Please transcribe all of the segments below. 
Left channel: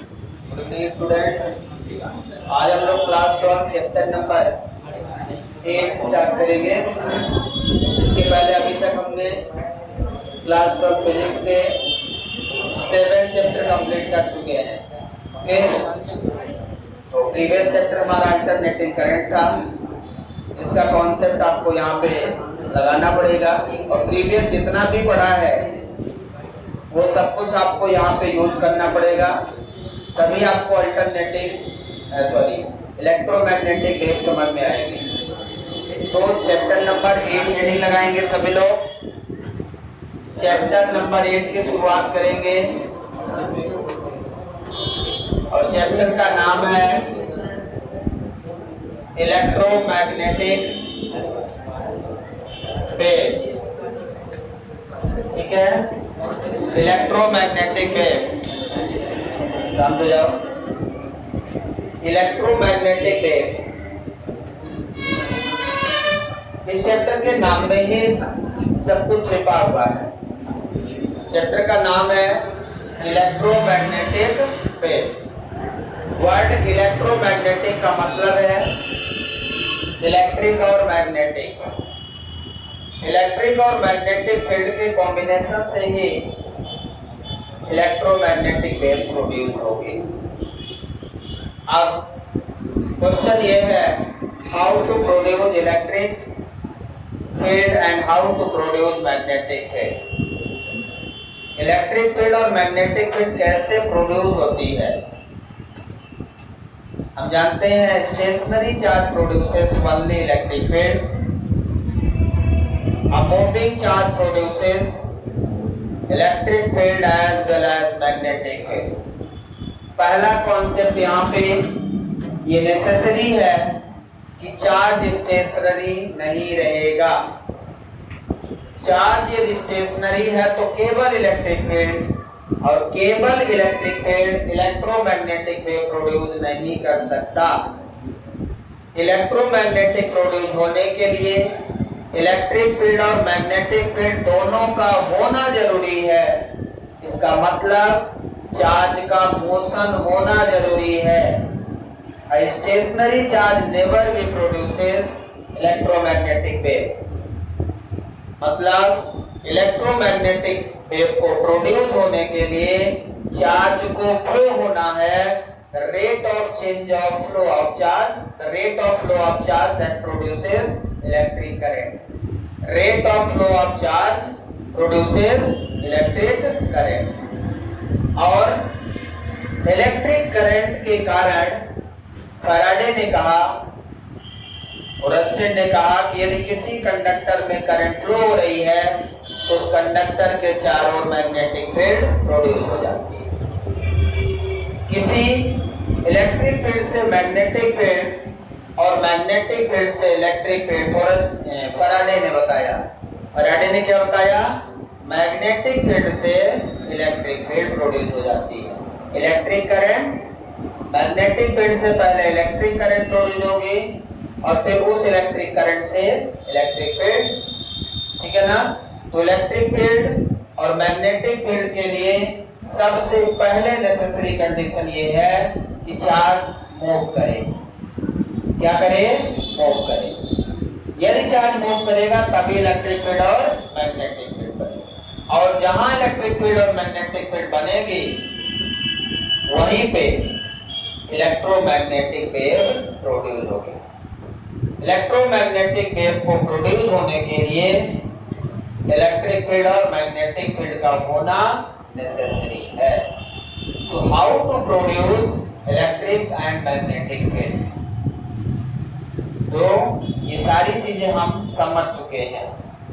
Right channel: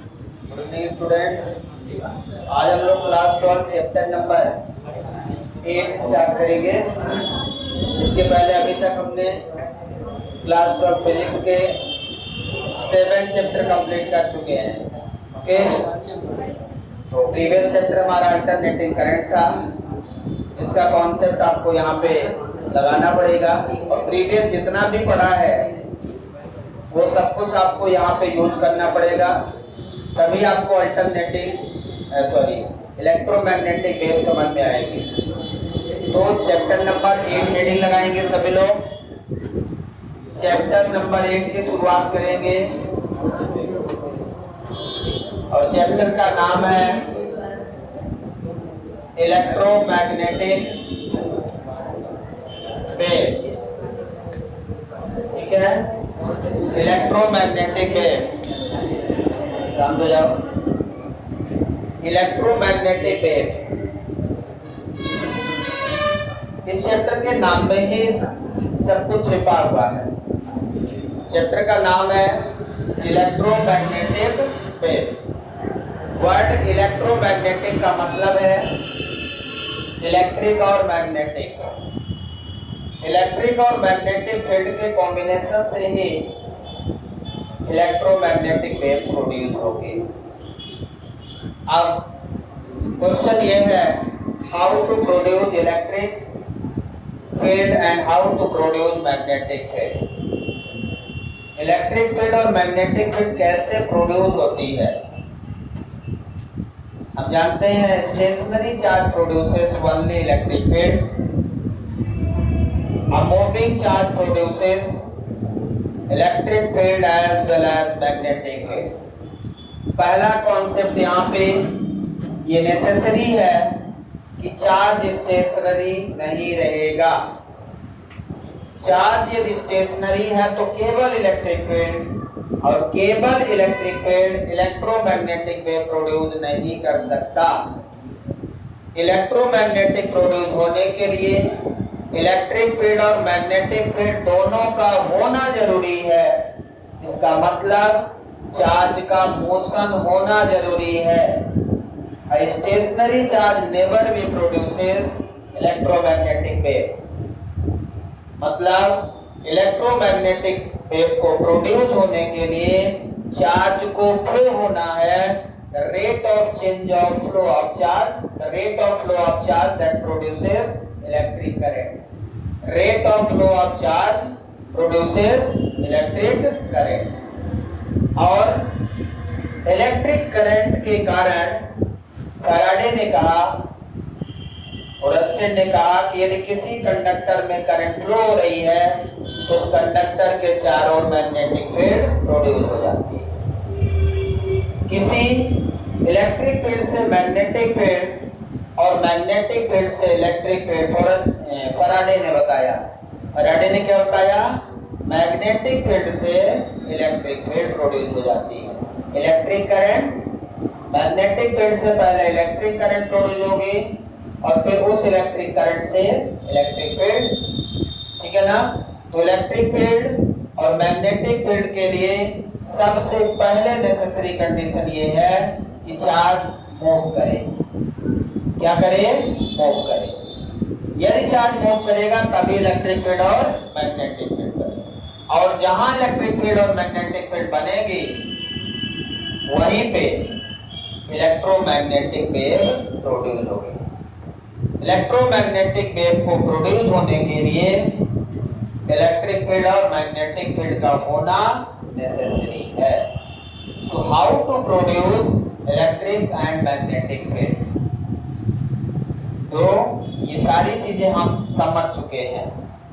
Good evening student. आज हम लोग क्लास 12 चैप्टर नंबर 8 स्टार्ट करेंगे। इसके पहले अभी तक हमने क्लास 12 फिजिक्स के 7 चैप्टर कंप्लीट कर चुके हैं। ओके, तो प्रीवियस चैप्टर हमारा अल्टरनेटिंग करंट था, जिसका कॉन्सेप्ट आपको यहाँ पे लगाना पड़ेगा और प्रीवियस जितना भी पढ़ा है वो सब कुछ आपको यहाँ पे यूज करना पड़ेगा, तभी आपको इलेक्ट्रोमैग्नेटिक वेव समझ में आएगी। तो चैप्टर नंबर 8 हेडिंग लगाएंगे सभी लोग। चैप्टर नंबर 8 की शुरुआत करेंगे और चैप्टर का नाम है इलेक्ट्रोमैग्नेटिक वेव। ठीक है, इलेक्ट्रोमैग्नेटिक वेव, शांत हो जाओ। इलेक्ट्रोमैग्नेटिक वेव, इस चैप्टर के नाम में ही सब कुछ छिपा हुआ है। चैप्टर का नाम है इलेक्ट्रोमैग्नेटिक वेव। वर्ड इलेक्ट्रोमैग्नेटिक का मतलब है इलेक्ट्रिक और मैग्नेटिक। इलेक्ट्रिक और मैग्नेटिक फील्ड के कॉम्बिनेशन से ही इलेक्ट्रोमैग्नेटिक वेव प्रोड्यूस होगी। अब क्वेश्चन ये है, how to produce electric field and how to produce magnetic field. Electric field और मैग्नेटिक फील्ड कैसे प्रोड्यूस होती है। हम जानते हैं stationary charge produces only electric field, a moving charge produces electric field as well as magnetic field। पहला concept यहाँ पे ये नेसेसरी है कि चार्ज स्टेशनरी नहीं रहेगा। चार्ज यदि स्टेशनरी है तो केवल इलेक्ट्रिक फील्ड और केवल electric field electromagnetic wave produce नहीं कर सकता। इलेक्ट्रोमैग्नेटिक प्रोड्यूस होने के लिए इलेक्ट्रिक फील्ड और मैग्नेटिक फील्ड दोनों का होना जरूरी है। इसका मतलब चार्ज का मोशन होना जरूरी है। Stationary charge never be produces electromagnetic wave. मतलब इलेक्ट्रोमैग्नेटिक वेव को प्रोड्यूस होने के लिए चार्ज को फ्लो होना है। The rate of change of flow of charge, the rate of flow of charge that produces electric current. Rate of flow of charge produces electric current। और electric current के कारण Faraday ने कहा और अस्टेन ने कहा कि यदि किसी कंडक्टर में करंट फ्लो हो रही है तो उस कंडक्टर के चारों ओर मैग्नेटिक फील्ड प्रोड्यूस हो जाती है। किसी इलेक्ट्रिक फील्ड से मैग्नेटिक फील्ड और मैग्नेटिक फील्ड से इलेक्ट्रिक फील्ड फैराडे ने बताया। फैराडे ने क्या बताया? मैग्नेटिक फील्ड से इलेक्ट्रिक फील्ड प्रोड्यूस हो जाती है। इलेक्ट्रिक करंट मैग्नेटिक फील्ड से पहले इलेक्ट्रिक करंट प्रोड्यूस होगी और फिर उस इलेक्ट्रिक करंट से इलेक्ट्रिक फील्ड। ठीक है ना? तो इलेक्ट्रिक फील्ड और मैग्नेटिक फील्ड के लिए सबसे पहले नेसेसरी कंडीशन ये है कि चार्ज मूव करे। क्या करे? मूव करे। यदि चार्ज मूव करेगा तभी इलेक्ट्रिक फील्ड और मैग्नेटिक फील्ड बनेगा। और जहां इलेक्ट्रिक फील्ड और मैग्नेटिक फील्ड बनेगी वहीं पे इलेक्ट्रोमैग्नेटिक वेव प्रोड्यूस होगी। इलेक्ट्रोमैग्नेटिक वेव को प्रोड्यूस होने के लिए इलेक्ट्रिक फील्ड और मैग्नेटिक फील्ड का होना नेसेसरी है। So how to produce electric and magnetic field. तो ये सारी चीजें हम समझ चुके हैं।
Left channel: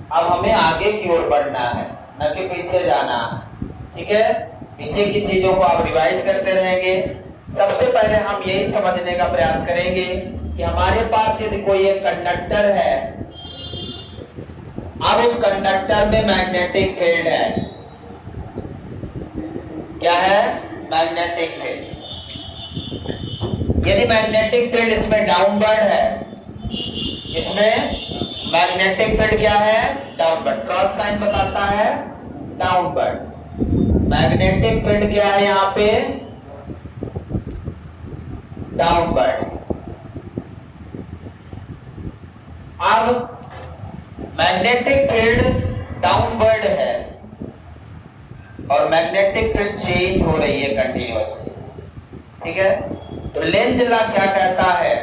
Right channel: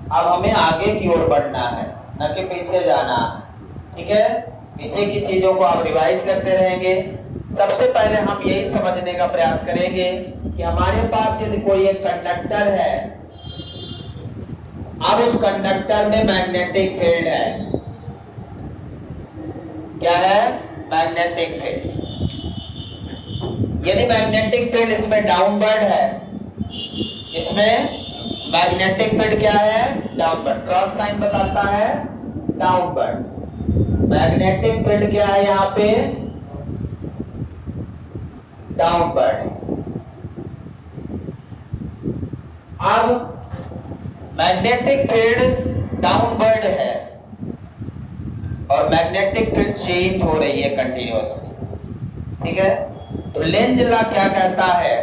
अब हमें आगे की ओर बढ़ना है, न कि पीछे जाना। ठीक है, पीछे की चीजों को आप रिवाइज करते रहेंगे। सबसे पहले हम यही समझने का प्रयास करेंगे कि हमारे पास यदि कोई एक कंडक्टर है, अब उस कंडक्टर में मैग्नेटिक फील्ड है। क्या है? Magnetic field. यदि मैग्नेटिक फील्ड इसमें डाउनवर्ड है, इसमें मैग्नेटिक फील्ड क्या है? डाउनवर्ड। क्रॉस साइन बताता है डाउनवर्ड। मैग्नेटिक फील्ड क्या है? यहाँ पे डाउनवर्ड। अब मैग्नेटिक फील्ड डाउनवर्ड है और मैग्नेटिक फील्ड चेंज हो रही है कंटिन्यूअसली, ठीक है। तो लेंज लॉ क्या कहता है,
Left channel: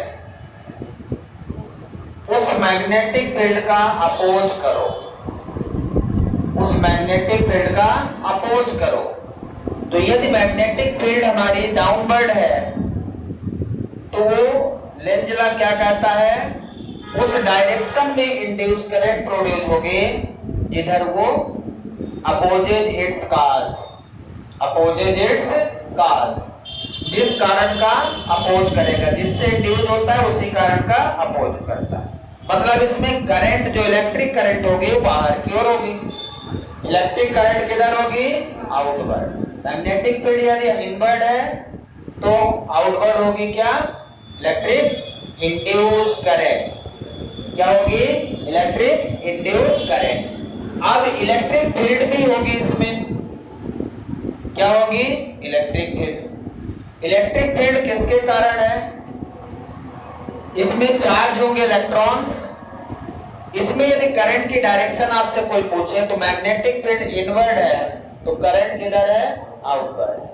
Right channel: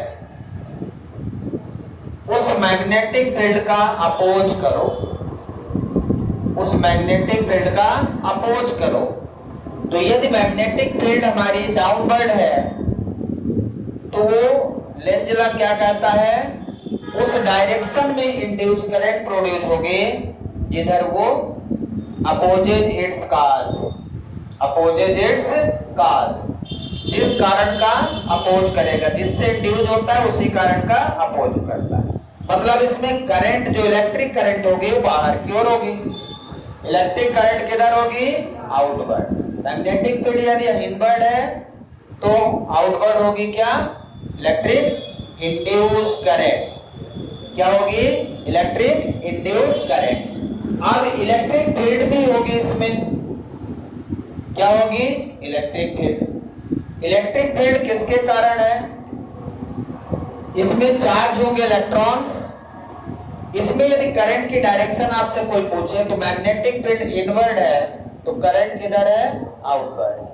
उस मैग्नेटिक फील्ड का अपोज करो, उस मैग्नेटिक फील्ड का अपोज करो। तो यदि मैग्नेटिक फील्ड हमारी डाउनवर्ड है तो वो लेंज लॉ क्या कहता है, उस डायरेक्शन में इंड्यूस करंट प्रोड्यूस होगी जिधर वो opposes its cause, opposes its cause, जिस कारण का अपोज करेगा, जिससे इंड्यूस होता है उसी कारण का अपोज करता है। मतलब इसमें करंट जो इलेक्ट्रिक करंट होगी वो बाहर की ओर होगी, इलेक्ट्रिक करंट किधर होगी, आउटवर्ड। मैग्नेटिक फील्ड यदि इनवर्ड है तो आउटवर्ड होगी क्या, इलेक्ट्रिक इंड्यूस करंट। क्या होगी, इलेक्ट्रिक इंड्यूस करंट। अब इलेक्ट्रिक फील्ड भी होगी इसमें, क्या होगी, इलेक्ट्रिक फील्ड। इलेक्ट्रिक फील्ड किसके कारण है, इसमें चार्ज होंगे इलेक्ट्रॉन्स। इसमें यदि करंट की डायरेक्शन आपसे कोई पूछे तो मैग्नेटिक फील्ड इनवर्ड है तो करंट किधर है, आउटवर्ड है।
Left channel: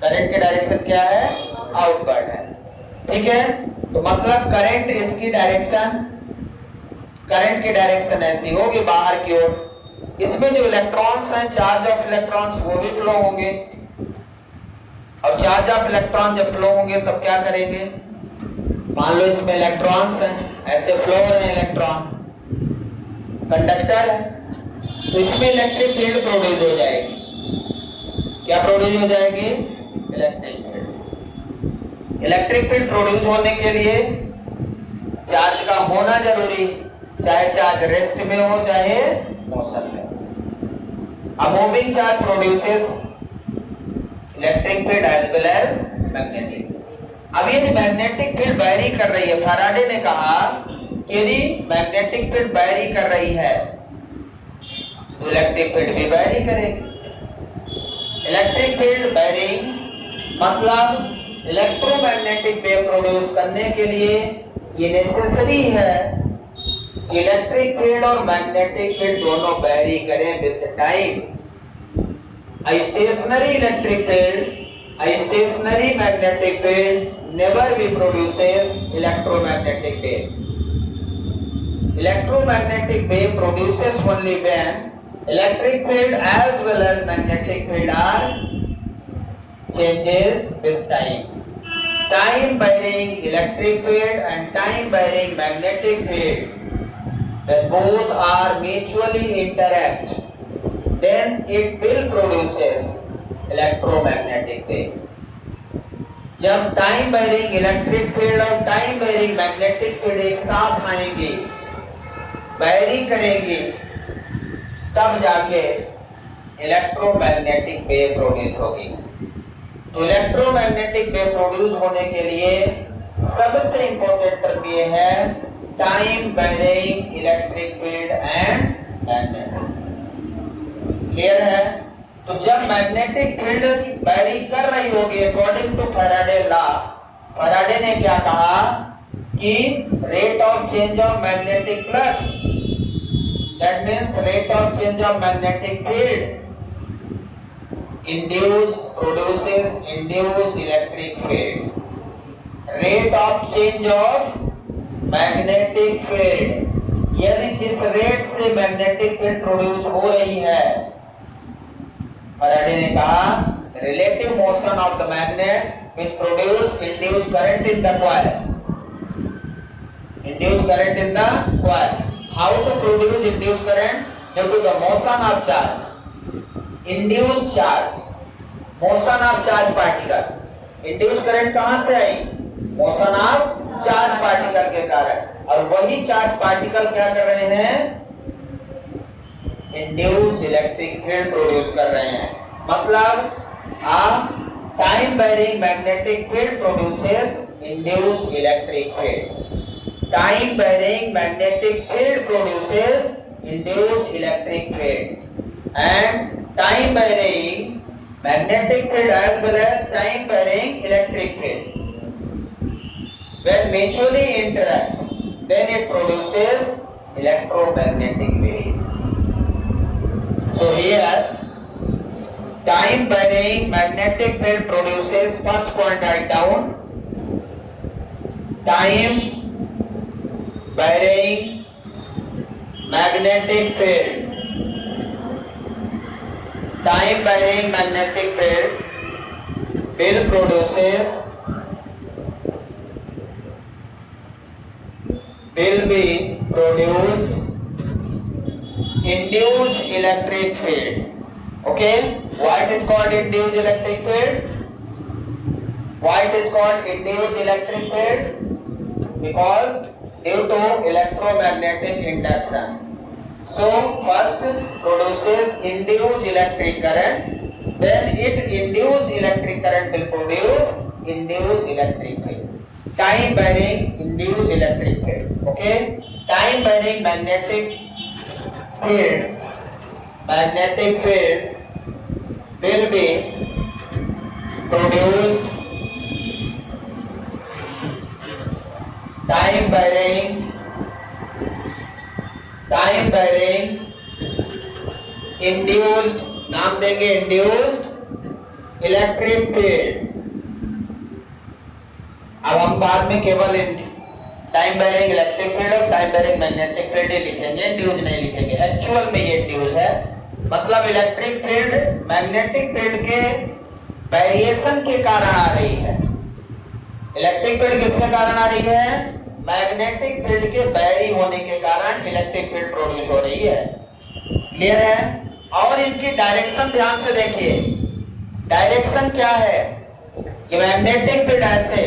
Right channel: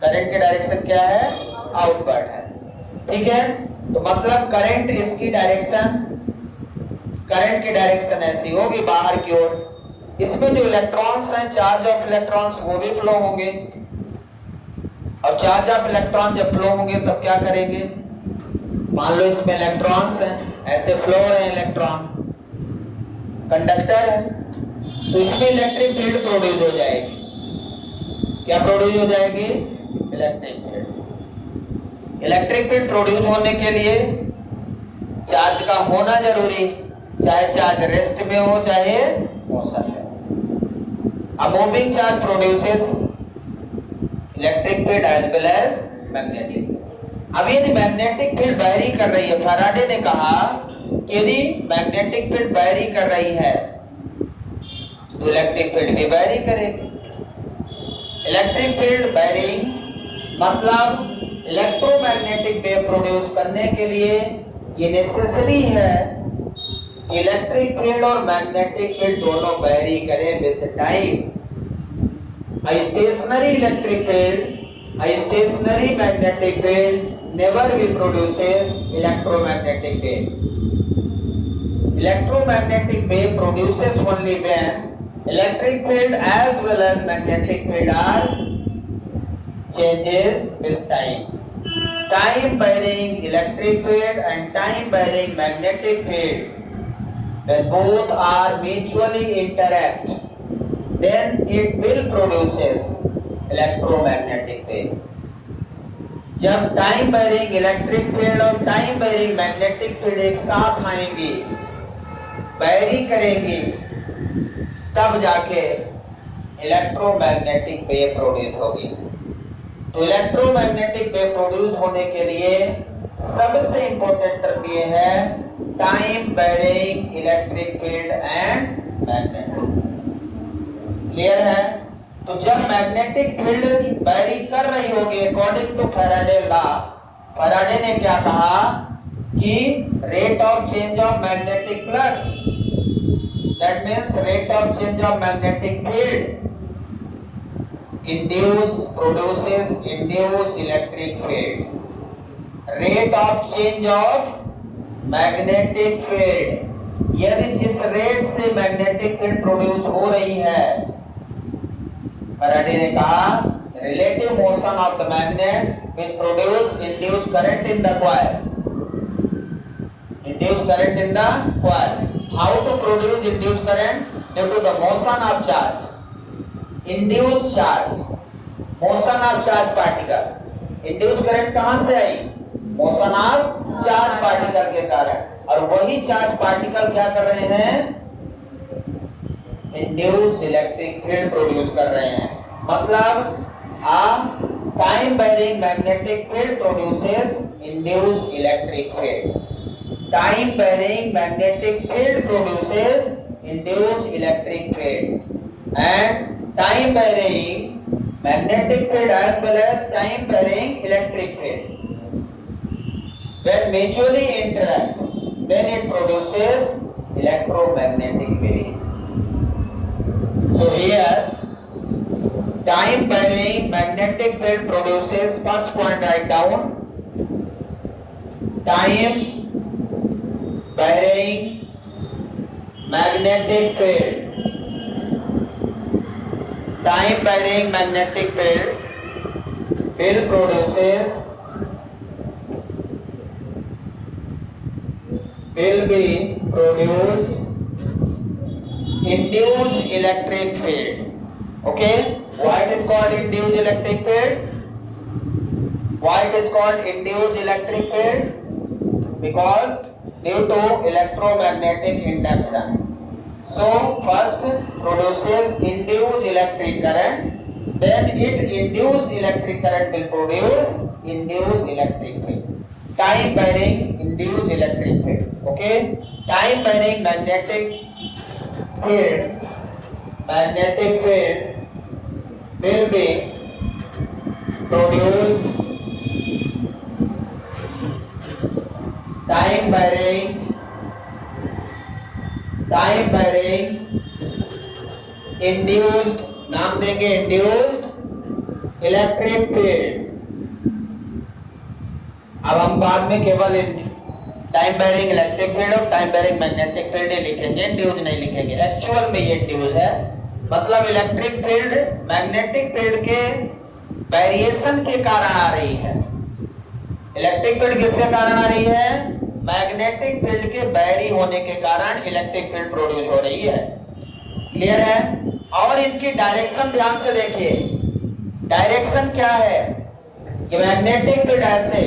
करंट की डायरेक्शन क्या है, आउटवर्ड है, ठीक है। तो मतलब करंट इसकी डायरेक्शन, करंट की डायरेक्शन ऐसी होगी बाहर की ओर। इसमें जो इलेक्ट्रॉन्स हैं, चार्ज ऑफ इलेक्ट्रॉन्स, वो भी फ्लो होंगे और चार्ज ऑफ इलेक्ट्रॉन जब फ्लो होंगे तब क्या करेंगे, मान लो इसमें इलेक्ट्रॉन्स हैं, ऐसे फ्लो हो रहे हैं इलेक्ट्रॉन, कंडक्टर है, तो इसमें इलेक्ट्रिक फील्ड प्रोड्यूस हो जाएगी। क्या प्रोड्यूस हो जाएगी, electric field. Electric field produce होने के लिए चार्ज का होना जरूरी, चाहे चार्ज रेस्ट में हो चाहे मोशन में। A moving charge produces electric field as well as magnetic field. अब यदि मैग्नेटिक फील्ड वैरी कर रही है, फैराडे ने कहा कि यदि मैग्नेटिक फील्ड वैरी कर रही है तो इलेक्ट्रिक फील्ड भी वैरी करेगी। इलेक्ट्रिक फील्ड वैरिंग मतलब इलेक्ट्रोमैग्नेटिक वेव प्रोड्यूस करने के लिए ये नेसेसरी है कि इलेक्ट्रिक फील्ड और मैग्नेटिक फील्ड दोनों वैरी करें with time. A stationary electric field, a stationary magnetic field never be produces electromagnetic wave. Electromagnetic wave produces only when electric field as well as magnetic field are changes with time. Time varying electric field and time varying magnetic field, when both are mutually interact, then it will produces electromagnetic wave. जब time varying electric field और time varying magnetic field एक साथ आएंगे, very करेंगे, तब जाके electromagnetic wave produce होगी। तो इलेक्ट्रोमैग्नेटिक वेव प्रोड्यूस होने के लिए सबसे इंपॉर्टेंट टर्म ये है time varying electric field and magnetic. Clear है। तो जब मैग्नेटिक फील्ड वैरी कर रही होगी according to Faraday law, Faraday ने क्या कहा कि rate of change of magnetic flux, that means rate of change of magnetic field produces induce electric field. Rate of change of magnetic field, यदि जिस rate से मैग्नेटिक फील्ड प्रोड्यूस हो रही है, फैराडे ने कहा relative motion of the magnet which produce induced current in the coil. Induced current in the coil. How to produce induced current? Due to the motion of charge. Induced charge, motion of charge particle. Induced current कहां से आई? Motion of charge particle के कारण। और वही charge particle क्या कर रहे हैं? इंड्यूस इलेक्ट्रिक फील्ड प्रोड्यूस कर रहे हैं। मतलब time varying magnetic field produces induced electric field. Time varying magnetic field produces induced electric field and time varying magnetic field as well as time varying electric field. when mutually interact, then it produces electromagnetic wave. So here, time varying magnetic field produces, first point write down, time varying magnetic field. Time varying magnetic field will be produced induced electric field. Okay, why it is called induced electric field? Why it is called induced electric field? Because due to electromagnetic induction. So first produces induced electric current, then it induced electric current will produce induced electric field. Time varying induced electric field. Okay, time varying magnetic field will be produced. Time varying induced, नाम देंगे induced electric field. अब हम बाद में केवल time varying electric field और time varying magnetic field ही लिखेंगे, induce नहीं लिखेंगे. एक्चुअल में ये इंड्यूस है, मतलब इलेक्ट्रिक फील्ड मैग्नेटिक फील्ड के वेरिएशन के कारण आ रही है. इलेक्ट्रिक फील्ड किसके कारण आ रही है? मैग्नेटिक फील्ड के बैरी होने के कारण इलेक्ट्रिक फील्ड प्रोड्यूस हो रही है. क्लियर है? और इनकी डायरेक्शन ध्यान से देखिए. डायरेक्शन क्या है? कि मैग्नेटिक फील्ड ऐसे,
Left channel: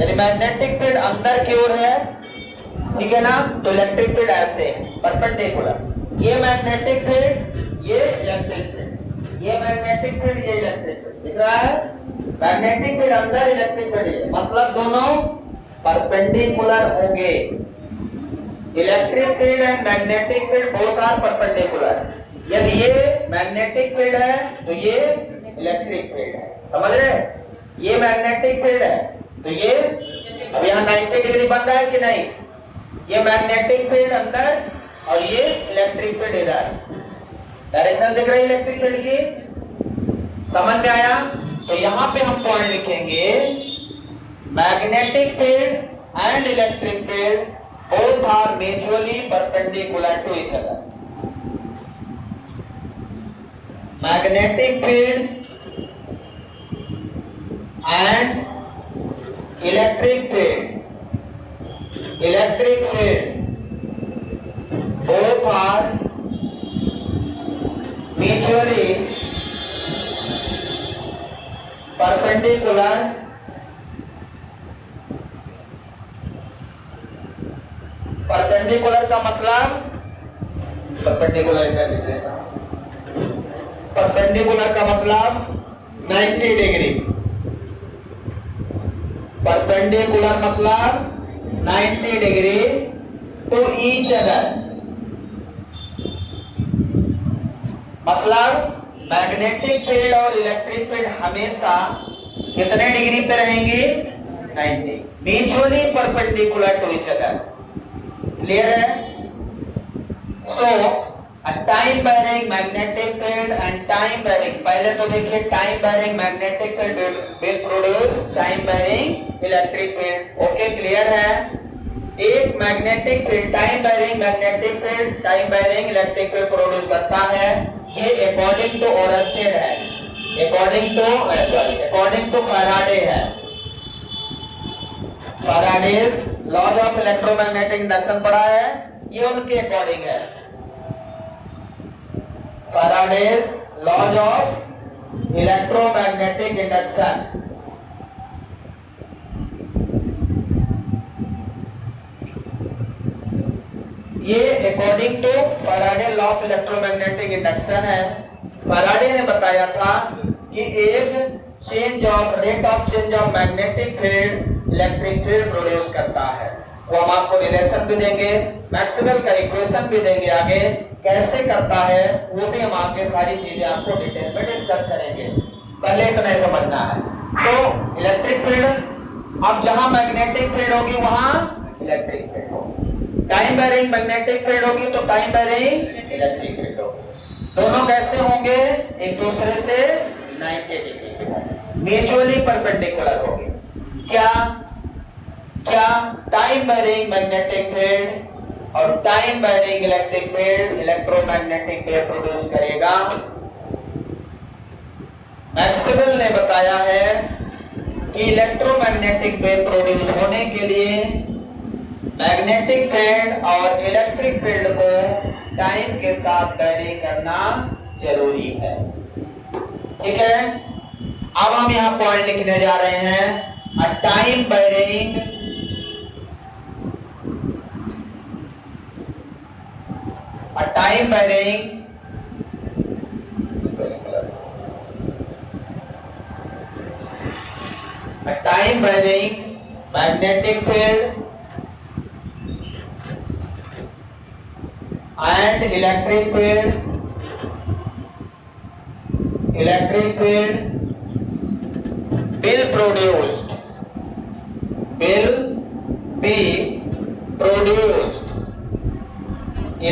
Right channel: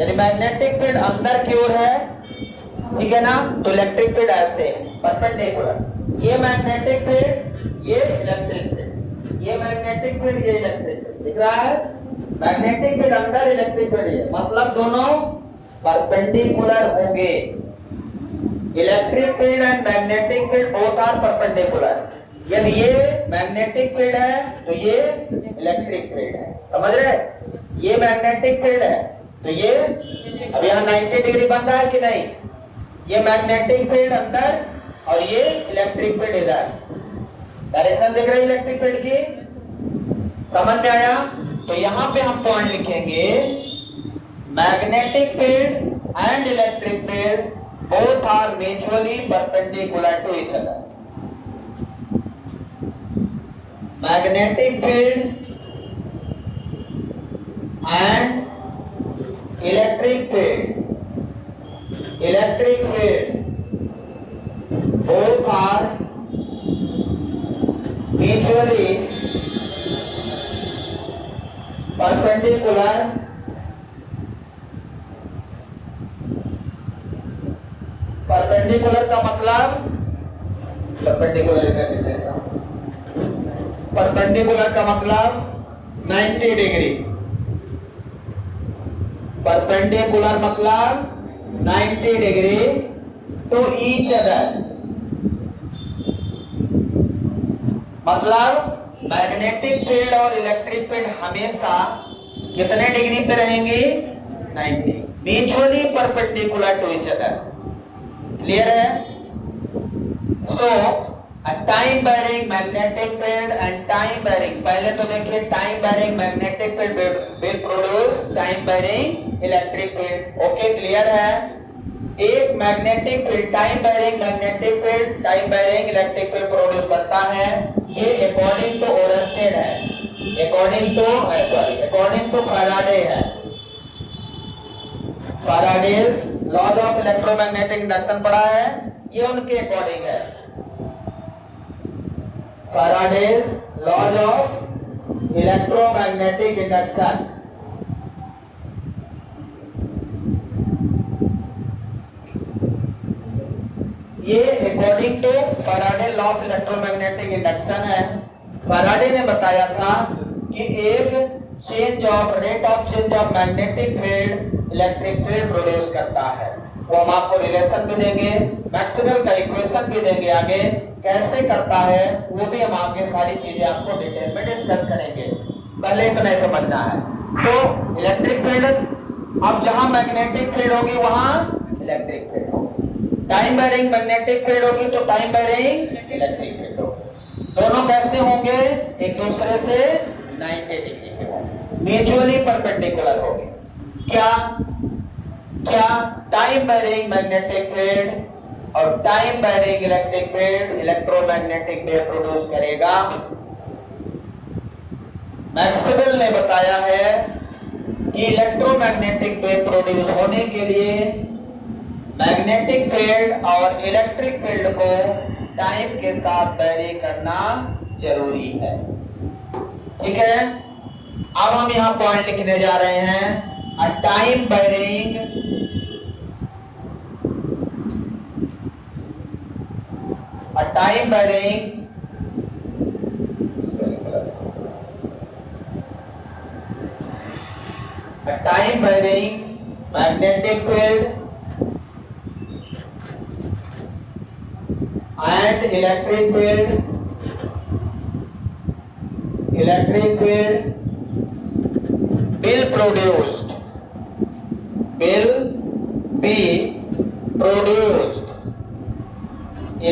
यदि मैग्नेटिक फील्ड अंदर की ओर है, ठीक है ना, तो इलेक्ट्रिक फील्ड ऐसे परपेंडिकुलर. ये मैग्नेटिक फील्ड, ये इलेक्ट्रिक फील्ड, ये मैग्नेटिक फील्ड, ये इलेक्ट्रिक फील्ड. दिख रहा है? मैग्नेटिक फील्ड अंदर, इलेक्ट्रिक फील्ड ये, मतलब दोनों परपेंडिकुलर होंगे. Electric field and magnetic field both are perpendicular. यदि ये मैग्नेटिक फील्ड है तो ये इलेक्ट्रिक फील्ड है. समझ रहे? ये मैग्नेटिक फील्ड है तो ये, अब यहाँ 90 डिग्री बन रहा है कि नहीं? ये मैग्नेटिक फील्ड अंदर और ये इलेक्ट्रिक फील्ड इधर. डायरेक्शन दिख रही है इलेक्ट्रिक फील्ड की? समझ में आया? तो यहाँ पे हम पॉइंट लिखेंगे, magnetic field and electric field both are mutually perpendicular to each other. Magnetic field and electric field both are mutually perpendicular का मतलब परपेंडिकुलर का मतलब 90 डिग्री. परपेंडिकुलर मतलब 90 डिग्री टू ईच अदर. मतलब मैग्नेटिक फील्ड और electric field हमेशा कितने degree पे रहेंगी? 90. Mutually perpendicular to each other. Clear है? So a time varying magnetic field and time varying, पहले तो देखिए time varying magnetic field will produce time varying electric field. Okay, clear है? एक magnetic field, time varying magnetic field, time varying electric field produce करता है. ये according to Oersted है, according to Faraday है. Faraday's laws of electromagnetic induction पढ़ा है, ये उनके अकॉर्डिंग है. Faraday's laws of electromagnetic induction. ये according to Faraday law of electromagnetic induction है. फैराडे ने बताया था कि एक change of rate of change of magnetic field electric field produce करता है. वो हम आपको रिलेशन भी देंगे, मैक्सवेल का इक्वेशन भी देंगे, आगे कैसे करता है वो भी हम आगे सारी चीजें आपको डिटेल में डिस्कस करेंगे. पहले इतना ही समझना है. तो इलेक्ट्रिक फील्ड अब जहां मैग्नेटिक फील्ड होगी वहां इलेक्ट्रिक फील्ड होगी। टाइम वेरिंग मैग्नेटिक फील्ड होगी तो टाइम वेरिंग इलेक्ट्रिक फील्ड होगी। दोनों कैसे होंगे? एक दूसरे से 90 डिग्री के होंगे, म्यूचुअली परपेंडिकुलर होंगे। क्या क्या टाइम वेरिंग मैग्नेटिक फील्ड और time varying electric field electromagnetic wave produce करेगा। मैक्सवेल ने बताया है कि इलेक्ट्रोमैग्नेटिक वेव प्रोड्यूस होने के लिए मैग्नेटिक फील्ड और इलेक्ट्रिक फील्ड को टाइम के साथ वेरी करना जरूरी है। ठीक है, अब हम यहां पॉइंट लिखने जा रहे हैं। A time varying magnetic field and electric field will be produced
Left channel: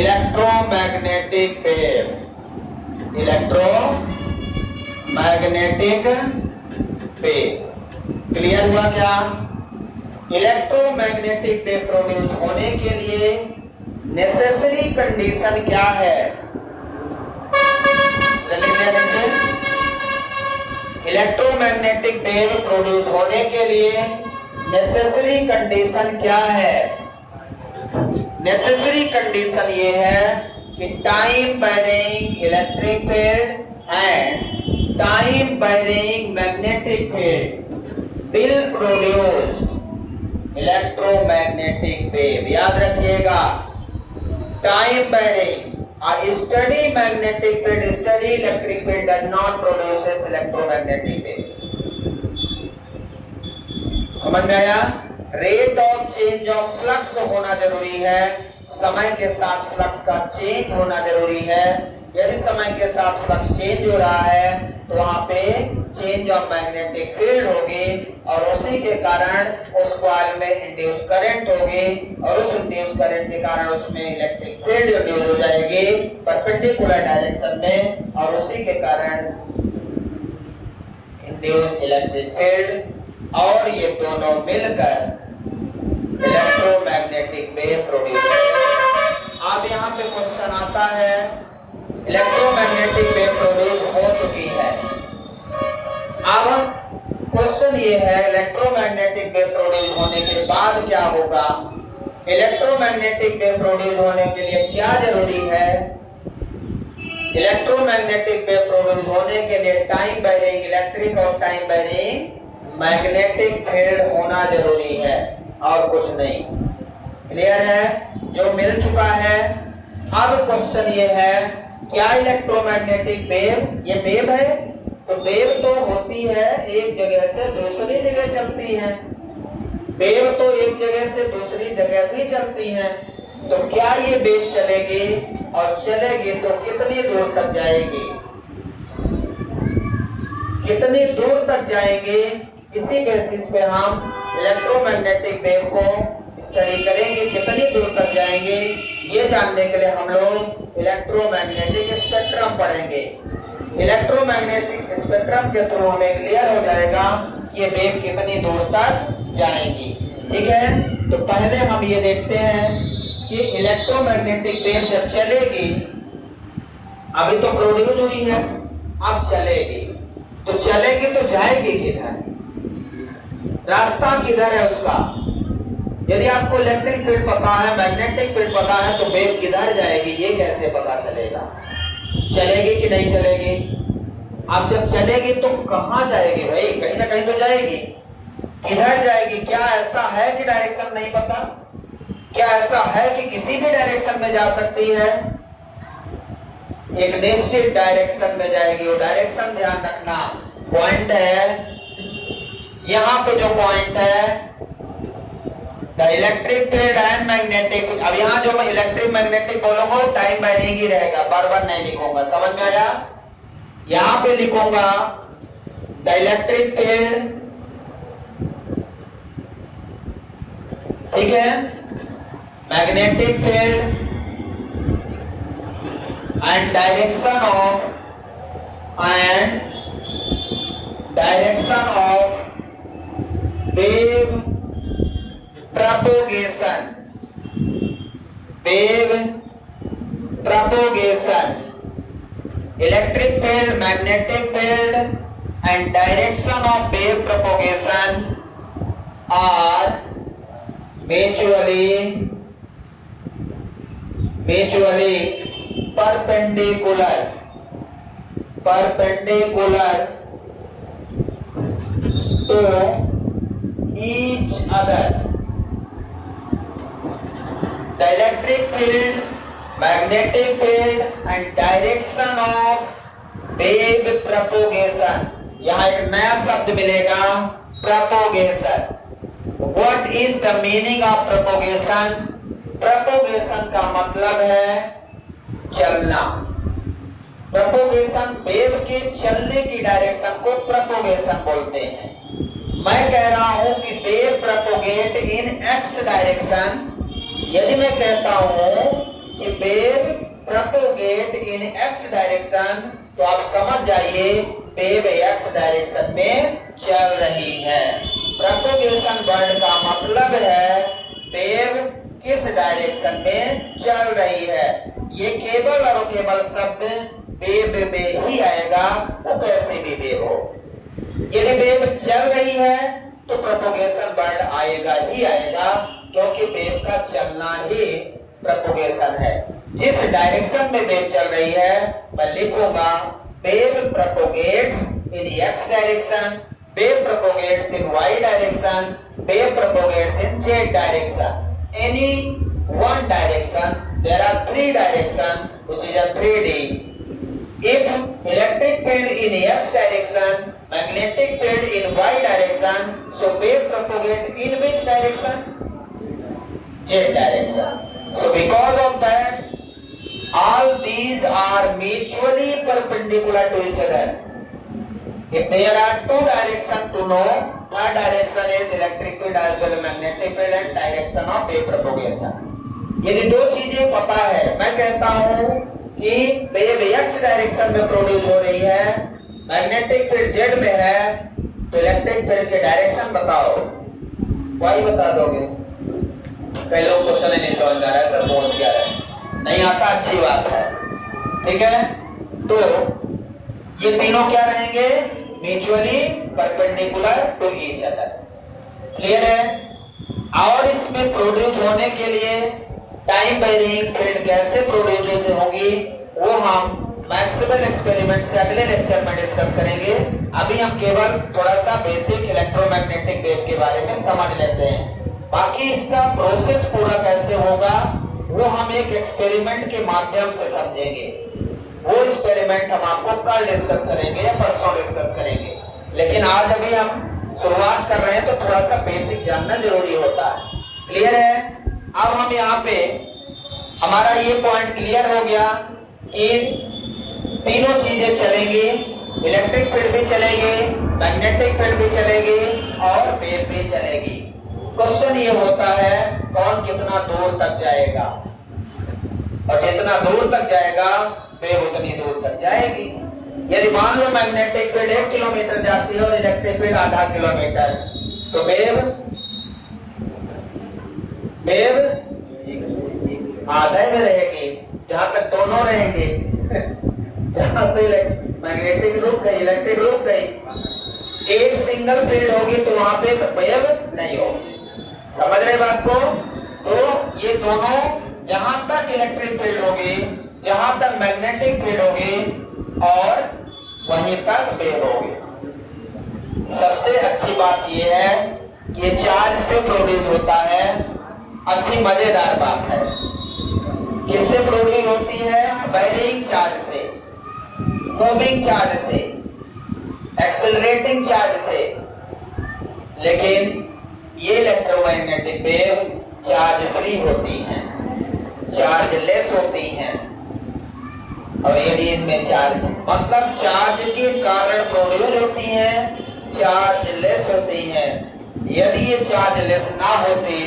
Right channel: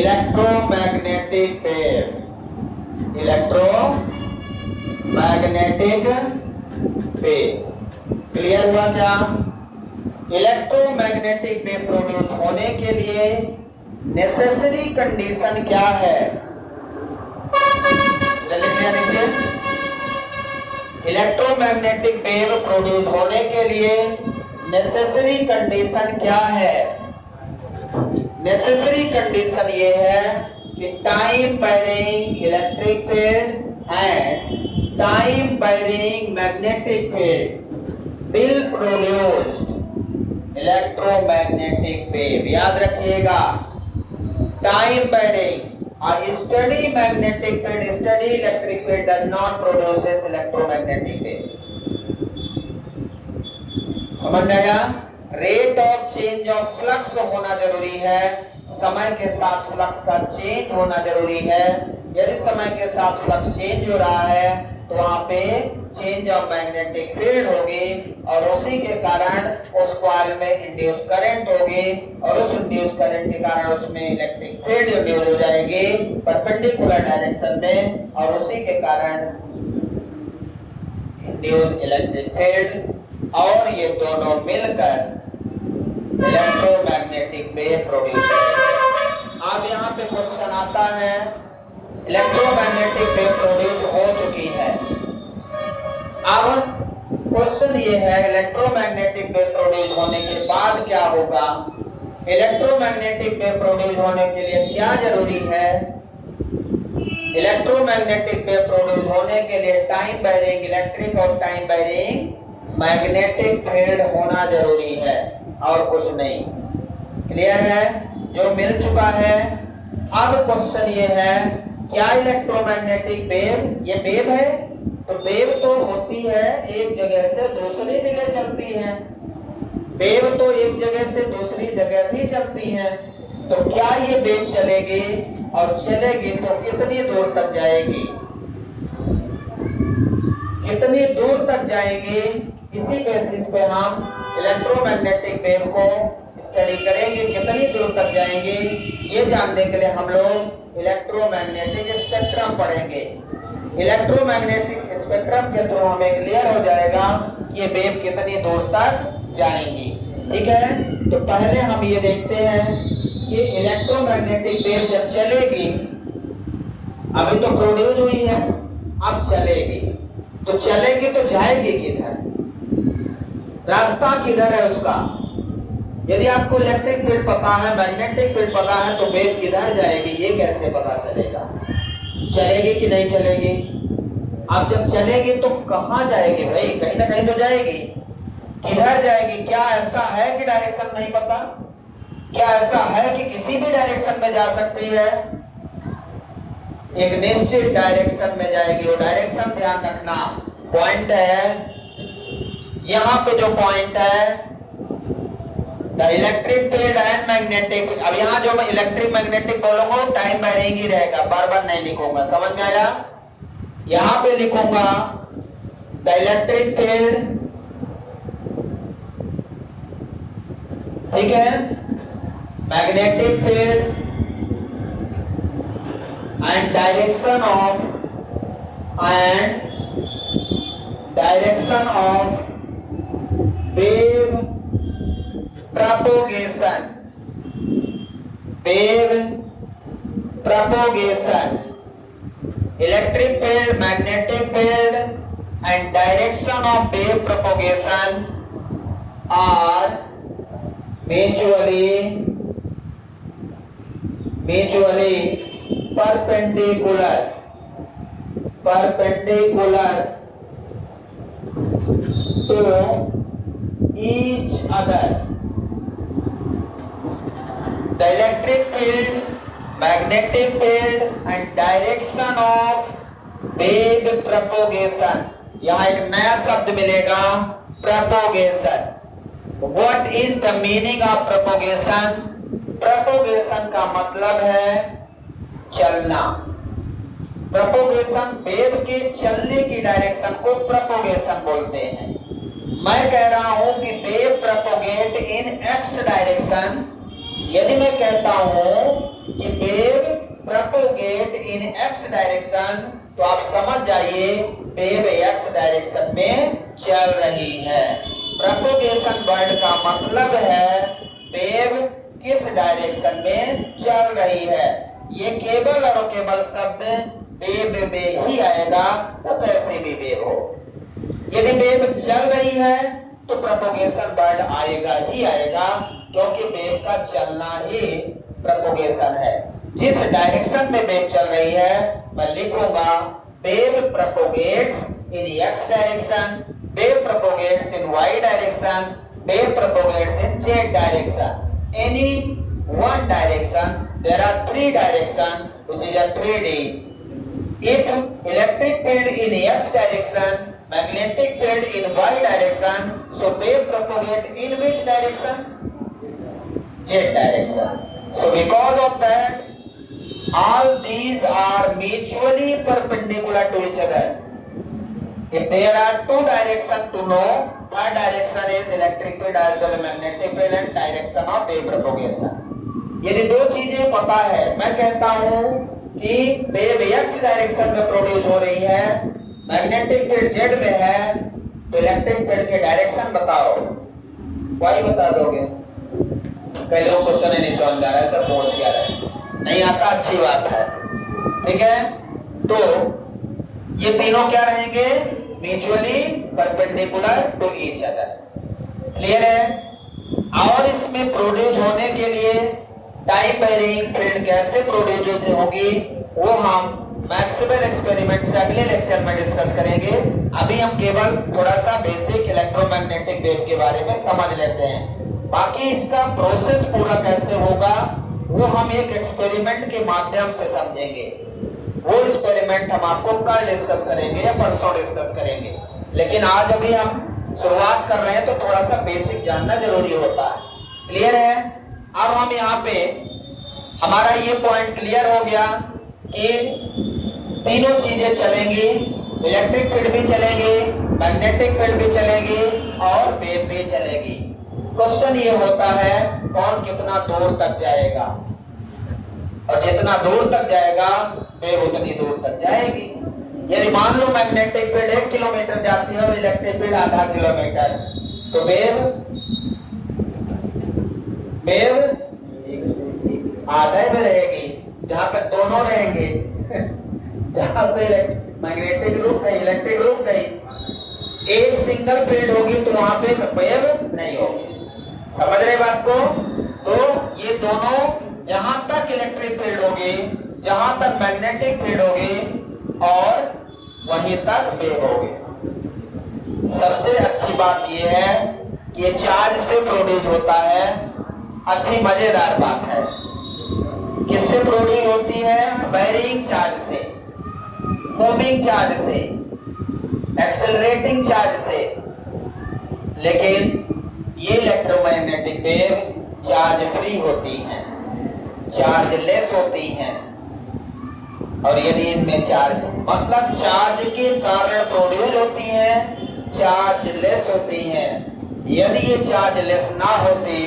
electromagnetic wave clear हुआ क्या? इलेक्ट्रोमैग्नेटिक वेव प्रोड्यूस होने के लिए नेसेसरी कंडीशन क्या है? इलेक्ट्रोमैग्नेटिक वेव प्रोड्यूस होने के लिए नेसेसरी कंडीशन क्या है? नेसेसरी कंडीशन ये है कि time varying electric field and time varying magnetic field will produce electromagnetic wave। याद रखिएगा, time varying a steady magnetic field, steady electric field does not produces electromagnetic wave। समझ में आया? Rate of change of flux होना जरूरी है, समय के साथ फ्लक्स का चेंज होना जरूरी है। यदि समय के साथ फ्लक्स चेंज हो रहा है तो वहां पे चेंज ऑफ मैग्नेटिक फील्ड होगी और उसी के कारण उस कॉइल में इंड्यूस करंट होगी और उस इंड्यूस करंट के कारण उसमें इलेक्ट्रिक फील्ड इंड्यूस हो जाएगी परपेंडिकुलर डायरेक्शन में और उसी के कारण इंड्यूस इलेक्ट्रिक फील्ड और ये दोनों मिलकर इलेक्ट्रोमैग्नेटिक वेव प्रोड्यूस करेंगे। अब यहाँ पे क्वेश्चन आता है, इलेक्ट्रोमैग्नेटिक वेव प्रोड्यूस हो चुकी है। अब क्वेश्चन ये है, इलेक्ट्रोमैग्नेटिक वेव प्रोड्यूस होने के बाद क्या होगा? इलेक्ट्रोमैग्नेटिक वेव प्रोड्यूस होने के लिए क्या जरूरी है? इलेक्ट्रोमैग्नेटिक वेव प्रोड्यूस होने के लिए टाइम वेरिंग इलेक्ट्रिक और टाइम वेरिंग मैग्नेटिक फील्ड होना जरूरी है और कुछ नहीं। क्लियर है? जो मिल चुका है। अब क्वेश्चन ये है, क्या इलेक्ट्रोमैग्नेटिक वेव ये वेव है? तो वेव तो होती है एक जगह से दूसरी जगह चलती है, वेव तो एक जगह से दूसरी जगह भी चलती है। तो क्या ये वेव चलेगी और चलेगी तो कितनी दूर तक जाएगी? कितनी दूर तक जाएगी? इसी बेसिस पे हम इलेक्ट्रोमैग्नेटिक वेव को स्टडी करेंगे, कितनी दूर तक जाएंगे। ये जानने के लिए हम लोग इलेक्ट्रोमैग्नेटिक स्पेक्ट्रम पढ़ेंगे। इलेक्ट्रोमैग्नेटिक स्पेक्ट्रम के थ्रू हमें क्लियर हो जाएगा कि ये वेव कितनी दूर तक जाएंगी। ठीक है, तो पहले हम ये देखते हैं कि इलेक्ट्रोमैग्नेटिक वेव जब चलेगी, अभी तो प्रोड्यूस हुई है, अब चलेगी तो जाएगी किधर? रास्ता किधर है उसका? यदि आपको इलेक्ट्रिक फील्ड पता है, मैग्नेटिक फील्ड पता है, तो वेव किधर जाएगी ये कैसे पता चलेगा? चलेगी कि नहीं चलेगी? अब जब चलेगी तो कहां जाएगी भाई? कहीं ना कहीं तो जाएगी। किधर जाएगी? क्या ऐसा है कि डायरेक्शन नहीं पता? क्या ऐसा है कि किसी भी डायरेक्शन में जा सकती है? एक निश्चित डायरेक्शन में जाएगी। वो डायरेक्शन ध्यान रखना, पॉइंट है यहां पे जो पॉइंट है the electric field and magnetic. अब यहां जो मैं इलेक्ट्रिक मैग्नेटिक बोलूंगा टाइम वेरिंग ही रहेगा, बार बार नहीं लिखूंगा। समझ में आया? यहां पे लिखूंगा द इलेक्ट्रिक फील्ड ठीक है, magnetic field and direction of wave propagation electric field, magnetic field and direction of wave propagation are mutually perpendicular to each other. The electric field, magnetic field and direction of wave propagation. यहाँ एक नया शब्द मिलेगा, propagation. What is the meaning of propagation? Propagation का मतलब है चलना। propagation wave के चलने की डायरेक्शन को propagation बोलते हैं। मैं कह रहा हूं कि wave propagate in x direction. यदि मैं कहता हूं कि wave propagate in x direction, तो आप समझ जाइए वेव x डायरेक्शन में चल रही है। propagation वर्ड का मतलब है वेव किस डायरेक्शन में चल रही है। ये केवल और केवल शब्द वेव में ही आएगा, वो कैसे भी वेव हो। यदि वेव चल रही है तो propagation वर्ड आएगा ही आएगा, क्योंकि वेव का चलना ही propagation है। जिस डायरेक्शन में वेव चल रही है, मैं लिखूंगा wave propagates in x direction, wave propagates in y direction, wave propagates in z direction. Any one direction, there are three directions, which is a 3D. If electric field in x direction, magnetic field in y direction, so wave propagate in which direction? Z direction. So because of that, all these are mutually perpendicular to each other. If there are two directions to know, one direction is electric field as well as magnetic field and direction of wave propagation. यदि दो चीजें पता है, मैं कहता हूं कि wave x direction में प्रोड्यूस हो रही है, मैग्नेटिक फील्ड z में है, तो इलेक्ट्रिक फील्ड के डायरेक्शन बताओ। y बता दोगे? कई लोग क्वेश्चन ही नहीं समझ आ रहा है, सब पहुंच गया है, नहीं आता, अच्छी बात है। ठीक है, तो ये तीनों क्या रहेंगे? Mutually perpendicular to each other. Clear है? और इसमें प्रोड्यूस होने के लिए टाइम वेरिंग फील्ड कैसे प्रोड्यूस होगी, वो हम मैक्सवेल एक्सपेरिमेंट से अगले लेक्चर में डिस्कस करेंगे। अभी हम केवल थोड़ा सा बेसिक इलेक्ट्रोमैग्नेटिक वेव के बारे में समझ लेते हैं। बाकी इसका प्रोसेस पूरा कैसे होगा वो हम एक एक्सपेरिमेंट के माध्यम से समझेंगे। वो एक्सपेरिमेंट हम आपको कल डिस्कस करेंगे या परसों डिस्कस करेंगे, लेकिन आज अभी हम शुरुआत कर रहे हैं तो थोड़ा सा बेसिक जानना जरूरी होता है। क्लियर है? अब हम यहाँ पे हमारा ये पॉइंट क्लियर हो गया कि तीनों चीजें चलेंगी, इलेक्ट्रिक फील्ड भी चलेगी, मैग्नेटिक फील्ड भी चलेगी और वेव भी चलेगी। क्वेश्चन ये होता है कौन कितना दूर तक जाएगा, और जितना दूर तक जाएगा वेव उतनी दूर तक जाएगी। यदि मान लो मैग्नेटिक फील्ड 1 किलोमीटर जाती है और इलेक्ट्रिक फील्ड आधा किलोमीटर, तो वेव आधे में रहेगी, जहां पे दोनों रहेंगे। जहां से मैग्नेटिक रुक गई, इलेक्ट्रिक रुक गई, एक सिंगल फील्ड होगी तो वहां पे वेव नहीं होगी। समझ रहे बात को? तो ये दोनों जहां तक इलेक्ट्रिक फील्ड होगी, जहां तक मैग्नेटिक फील्ड होगी और वहीं तक वेव होगी। सबसे अच्छी बात यह है कि ये चार्ज से प्रोड्यूस होता है। अच्छी मजेदार बात है, किससे प्रोड्यूस होती है? वेरिंग चार्ज से, मूविंग चार्ज से, एक्सेलरेटिंग चार्ज से। लेकिन ये इलेक्ट्रोमैग्नेटिक वेव चार्ज फ्री होती हैं, चार्ज लेस होती हैं। और यदि इनमें चार्ज मतलब चार्ज के कारण प्रोड्यूस होती हैं, चार्ज लेस होती हैं। यदि ये चार्ज लेस ना होती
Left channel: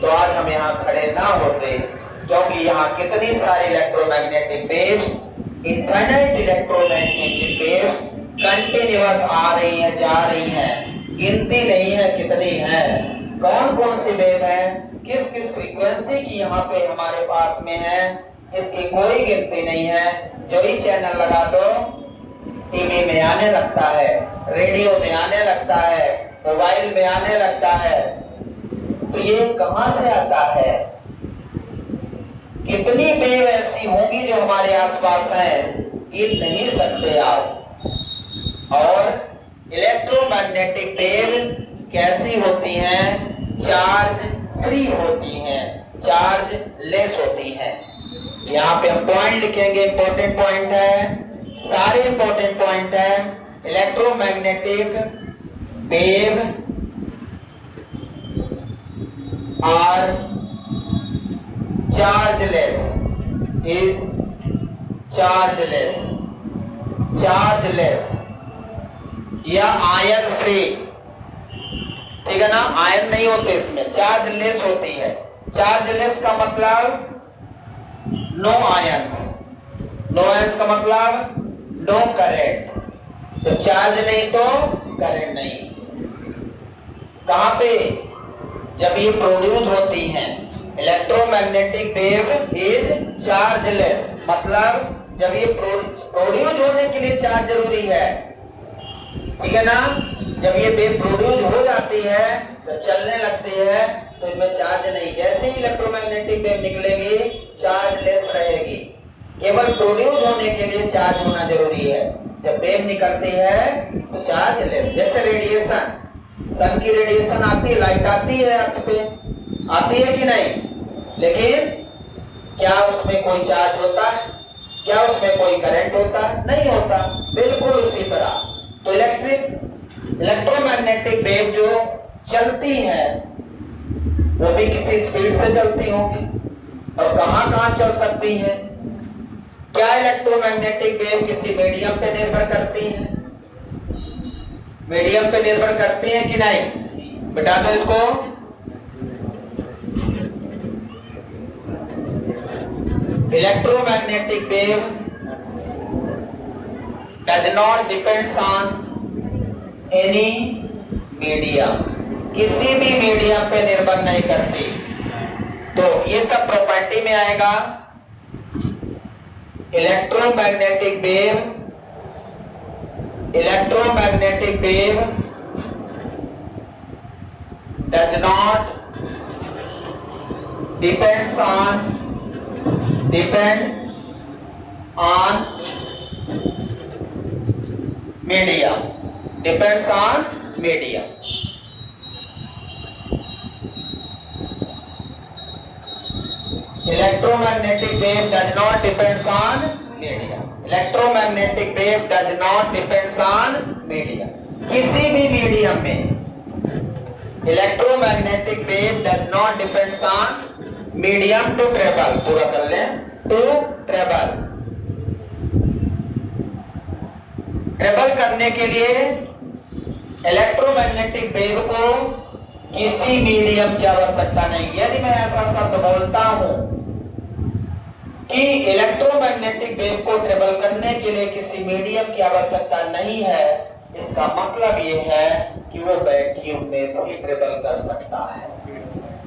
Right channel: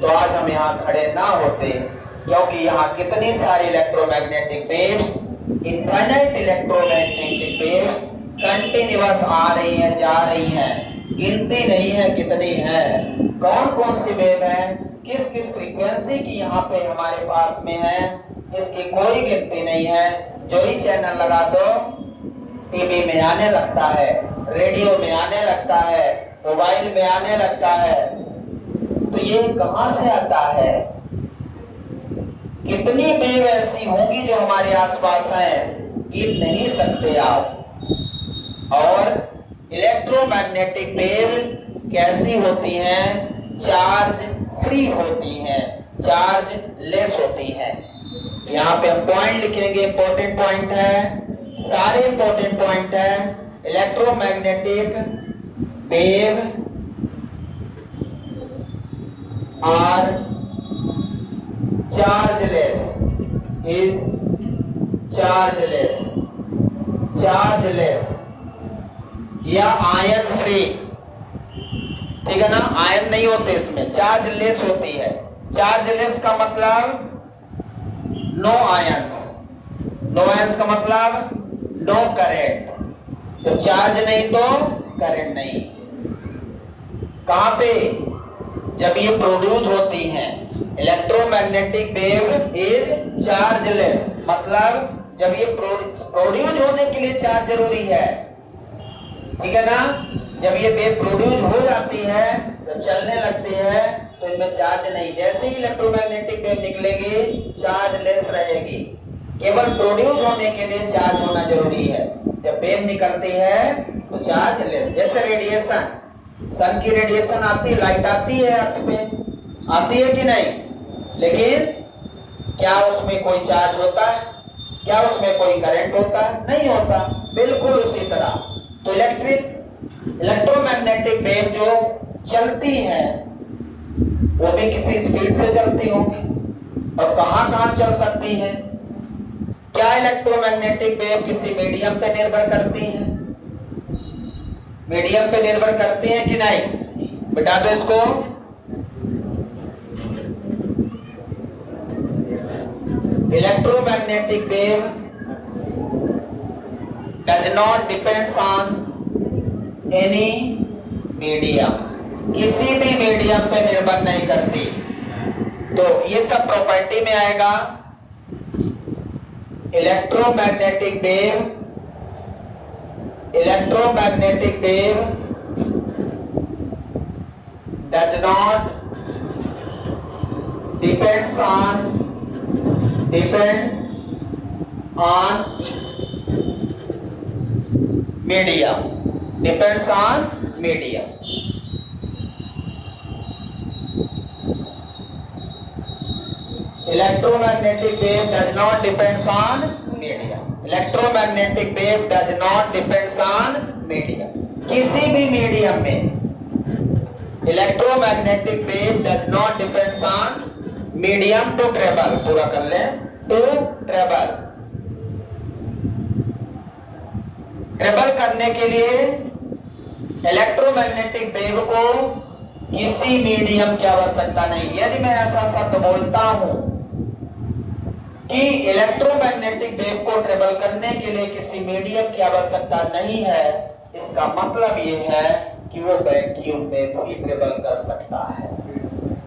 तो तो आज हम यहाँ खड़े ना होते, क्योंकि यहाँ कितनी सारी electromagnetic waves, infinite electromagnetic waves continuous आ रही हैं, जा रही हैं, गिनती नहीं है कितनी है, कौन कौन सी वेव है, किस किस फ्रीक्वेंसी की यहाँ पे हमारे पास में है, इसकी कोई गिनती नहीं है। जो ही चैनल लगा दो टीवी में आने लगता है, रेडियो में आने लगता है, मोबाइल में आने लगता है। तो ये कहां से आता है? कितनी वेव ऐसी होंगी जो हमारे आसपास हैं, गिन नहीं सकते आप। और इलेक्ट्रोमैग्नेटिक वेव कैसी होती हैं? चार्ज फ्री होती हैं, चार्ज लेस होती हैं। यहाँ पे हम पॉइंट लिखेंगे, इंपॉर्टेंट पॉइंट है, सारे इंपॉर्टेंट पॉइंट है। Electromagnetic wave are chargeless, is chargeless, chargeless या आयन फ्री, ठीक है ना। आयन नहीं होते इसमें, चार्जलेस होती है। चार्जलेस का मतलब नो आयंस, नो आयंस का मतलब नो करंट। तो चार्ज नहीं तो करंट नहीं। कहां पे? जब ये प्रोड्यूस होती हैं। इलेक्ट्रोमैग्नेटिक वेव इज चार्जलेस, मतलब जब ये प्रोड्यूस होने के लिए चार्ज जरूरी है, ठीक है ना। जब ये वेव प्रोड्यूस हो जाती है, जब चलने लगती है, तो इनमें चार्ज नहीं। जैसे ही इलेक्ट्रोमैग्नेटिक वेव निकलेगी, चार्ज लेस रहेगी। केवल प्रोड्यूस होने के लिए चार्ज होना जरूरी है। जब वेव निकलती है तो चार्ज लेस। जैसे रेडिएशन, सन की रेडिएशन आती है, लाइट आती है अर्थ पे, आती है कि नहीं? लेकिन क्या उसमें कोई चार्ज होता है? क्या उसमें कोई करंट होता है? नहीं होता। बिल्कुल उसी तरह तो इलेक्ट्रोमैग्नेटिक वेव जो चलती है वो भी किसी स्पीड से चलती होंगी। और कहां कहां चल सकती हैं? क्या इलेक्ट्रोमैग्नेटिक वेव किसी मीडियम पे निर्भर करती हैं? मीडियम पे निर्भर करती हैं कि नहीं? बता दो इसको। Electromagnetic wave does not depends on any medium, किसी भी मीडियम पे निर्भर नहीं करती। तो ये सब प्रॉपर्टी में आएगा। Electromagnetic wave, electromagnetic wave does not depend on medium, depends on medium. Electromagnetic wave does not depends on medium. Electromagnetic wave does not depends on medium. किसी भी मीडियम में electromagnetic wave does not depends on medium to travel. पूरा कर लें, to travel. Travel करने के लिए electromagnetic wave को किसी मीडियम की आवश्यकता नहीं। यदि मैं ऐसा शब्द बोलता हूं कि इलेक्ट्रोमैग्नेटिक वेव को ट्रेवल करने के लिए किसी मीडियम की आवश्यकता नहीं है, इसका मतलब यह है कि वो वैक्यूम में भी ट्रेवल कर सकता है।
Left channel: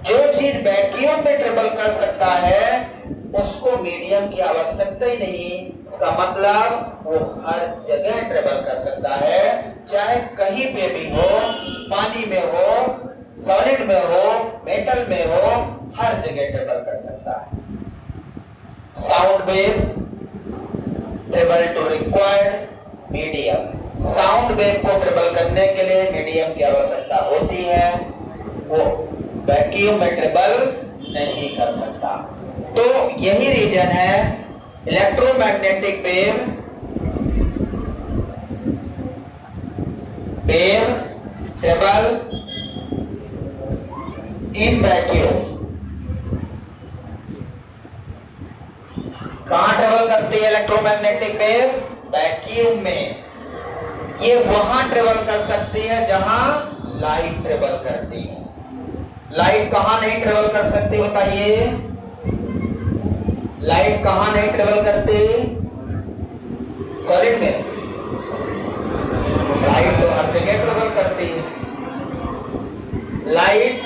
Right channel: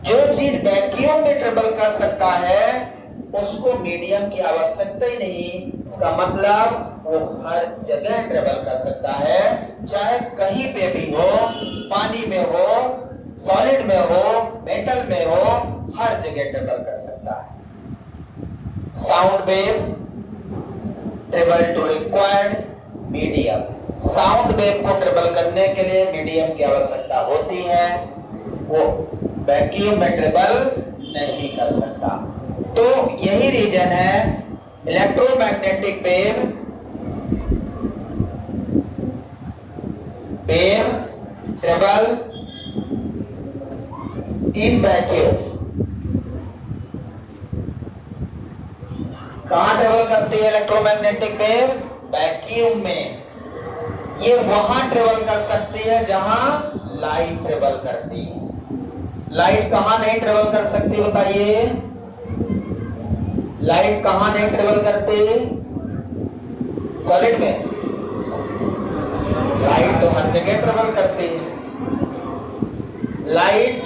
जो चीज वैक्यूम में ट्रेवल कर सकता है उसको मीडियम की आवश्यकता ही नहीं। इसका मतलब वो हर जगह ट्रेवल कर सकता है, चाहे कहीं पे भी हो, पानी में हो, सॉलिड में हो, मेटल में हो, हर जगह ट्रेवल कर सकता है। Sound wave travel to required medium. Sound wave को ट्रेवल करने के लिए मीडियम की आवश्यकता होती है, वो वैक्यूम में ट्रेवल नहीं कर सकता। तो यही रीजन है electromagnetic wave travel in vacuum. कहां ट्रेवल करती है इलेक्ट्रोमैग्नेटिक वेव? वैक्यूम में। ये वहां ट्रेवल कर सकती है जहां लाइट ट्रेवल करती है। लाइट कहां नहीं ट्रेवल कर सकती बताइए? लाइट कहां नहीं ट्रेवल करती? सॉलिड में। लाइट तो हर जगह ट्रेवल करती है। लाइट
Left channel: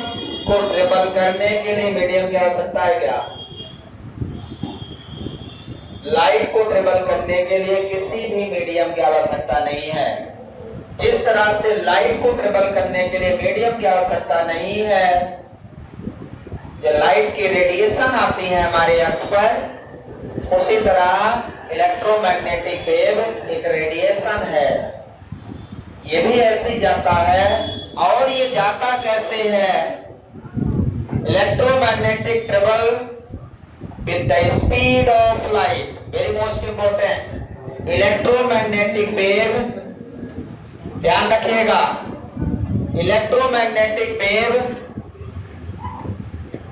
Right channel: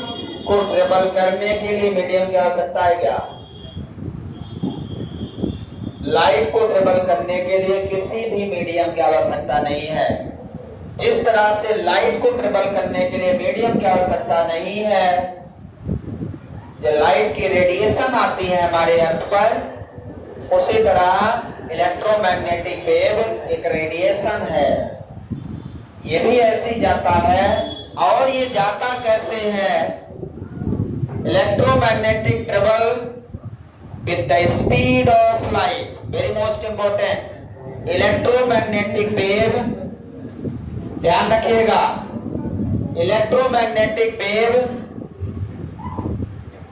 को ट्रेवल करने के लिए मीडियम की आवश्यकता है क्या? लाइट को ट्रेवल करने के लिए किसी भी मीडियम की आवश्यकता नहीं है। जिस तरह से लाइट को ट्रेवल करने के लिए मीडियम की आवश्यकता नहीं है, जो लाइट की रेडिएशन आती है हमारे अर्थ पर, उसी तरह इलेक्ट्रोमैग्नेटिक वेव एक रेडिएशन है। ये भी ऐसे ही जाता है। और ये जाता कैसे है? Electromagnetic travel with the speed of light. Very most important, electromagnetic wave, ध्यान रखिएगा, electromagnetic wave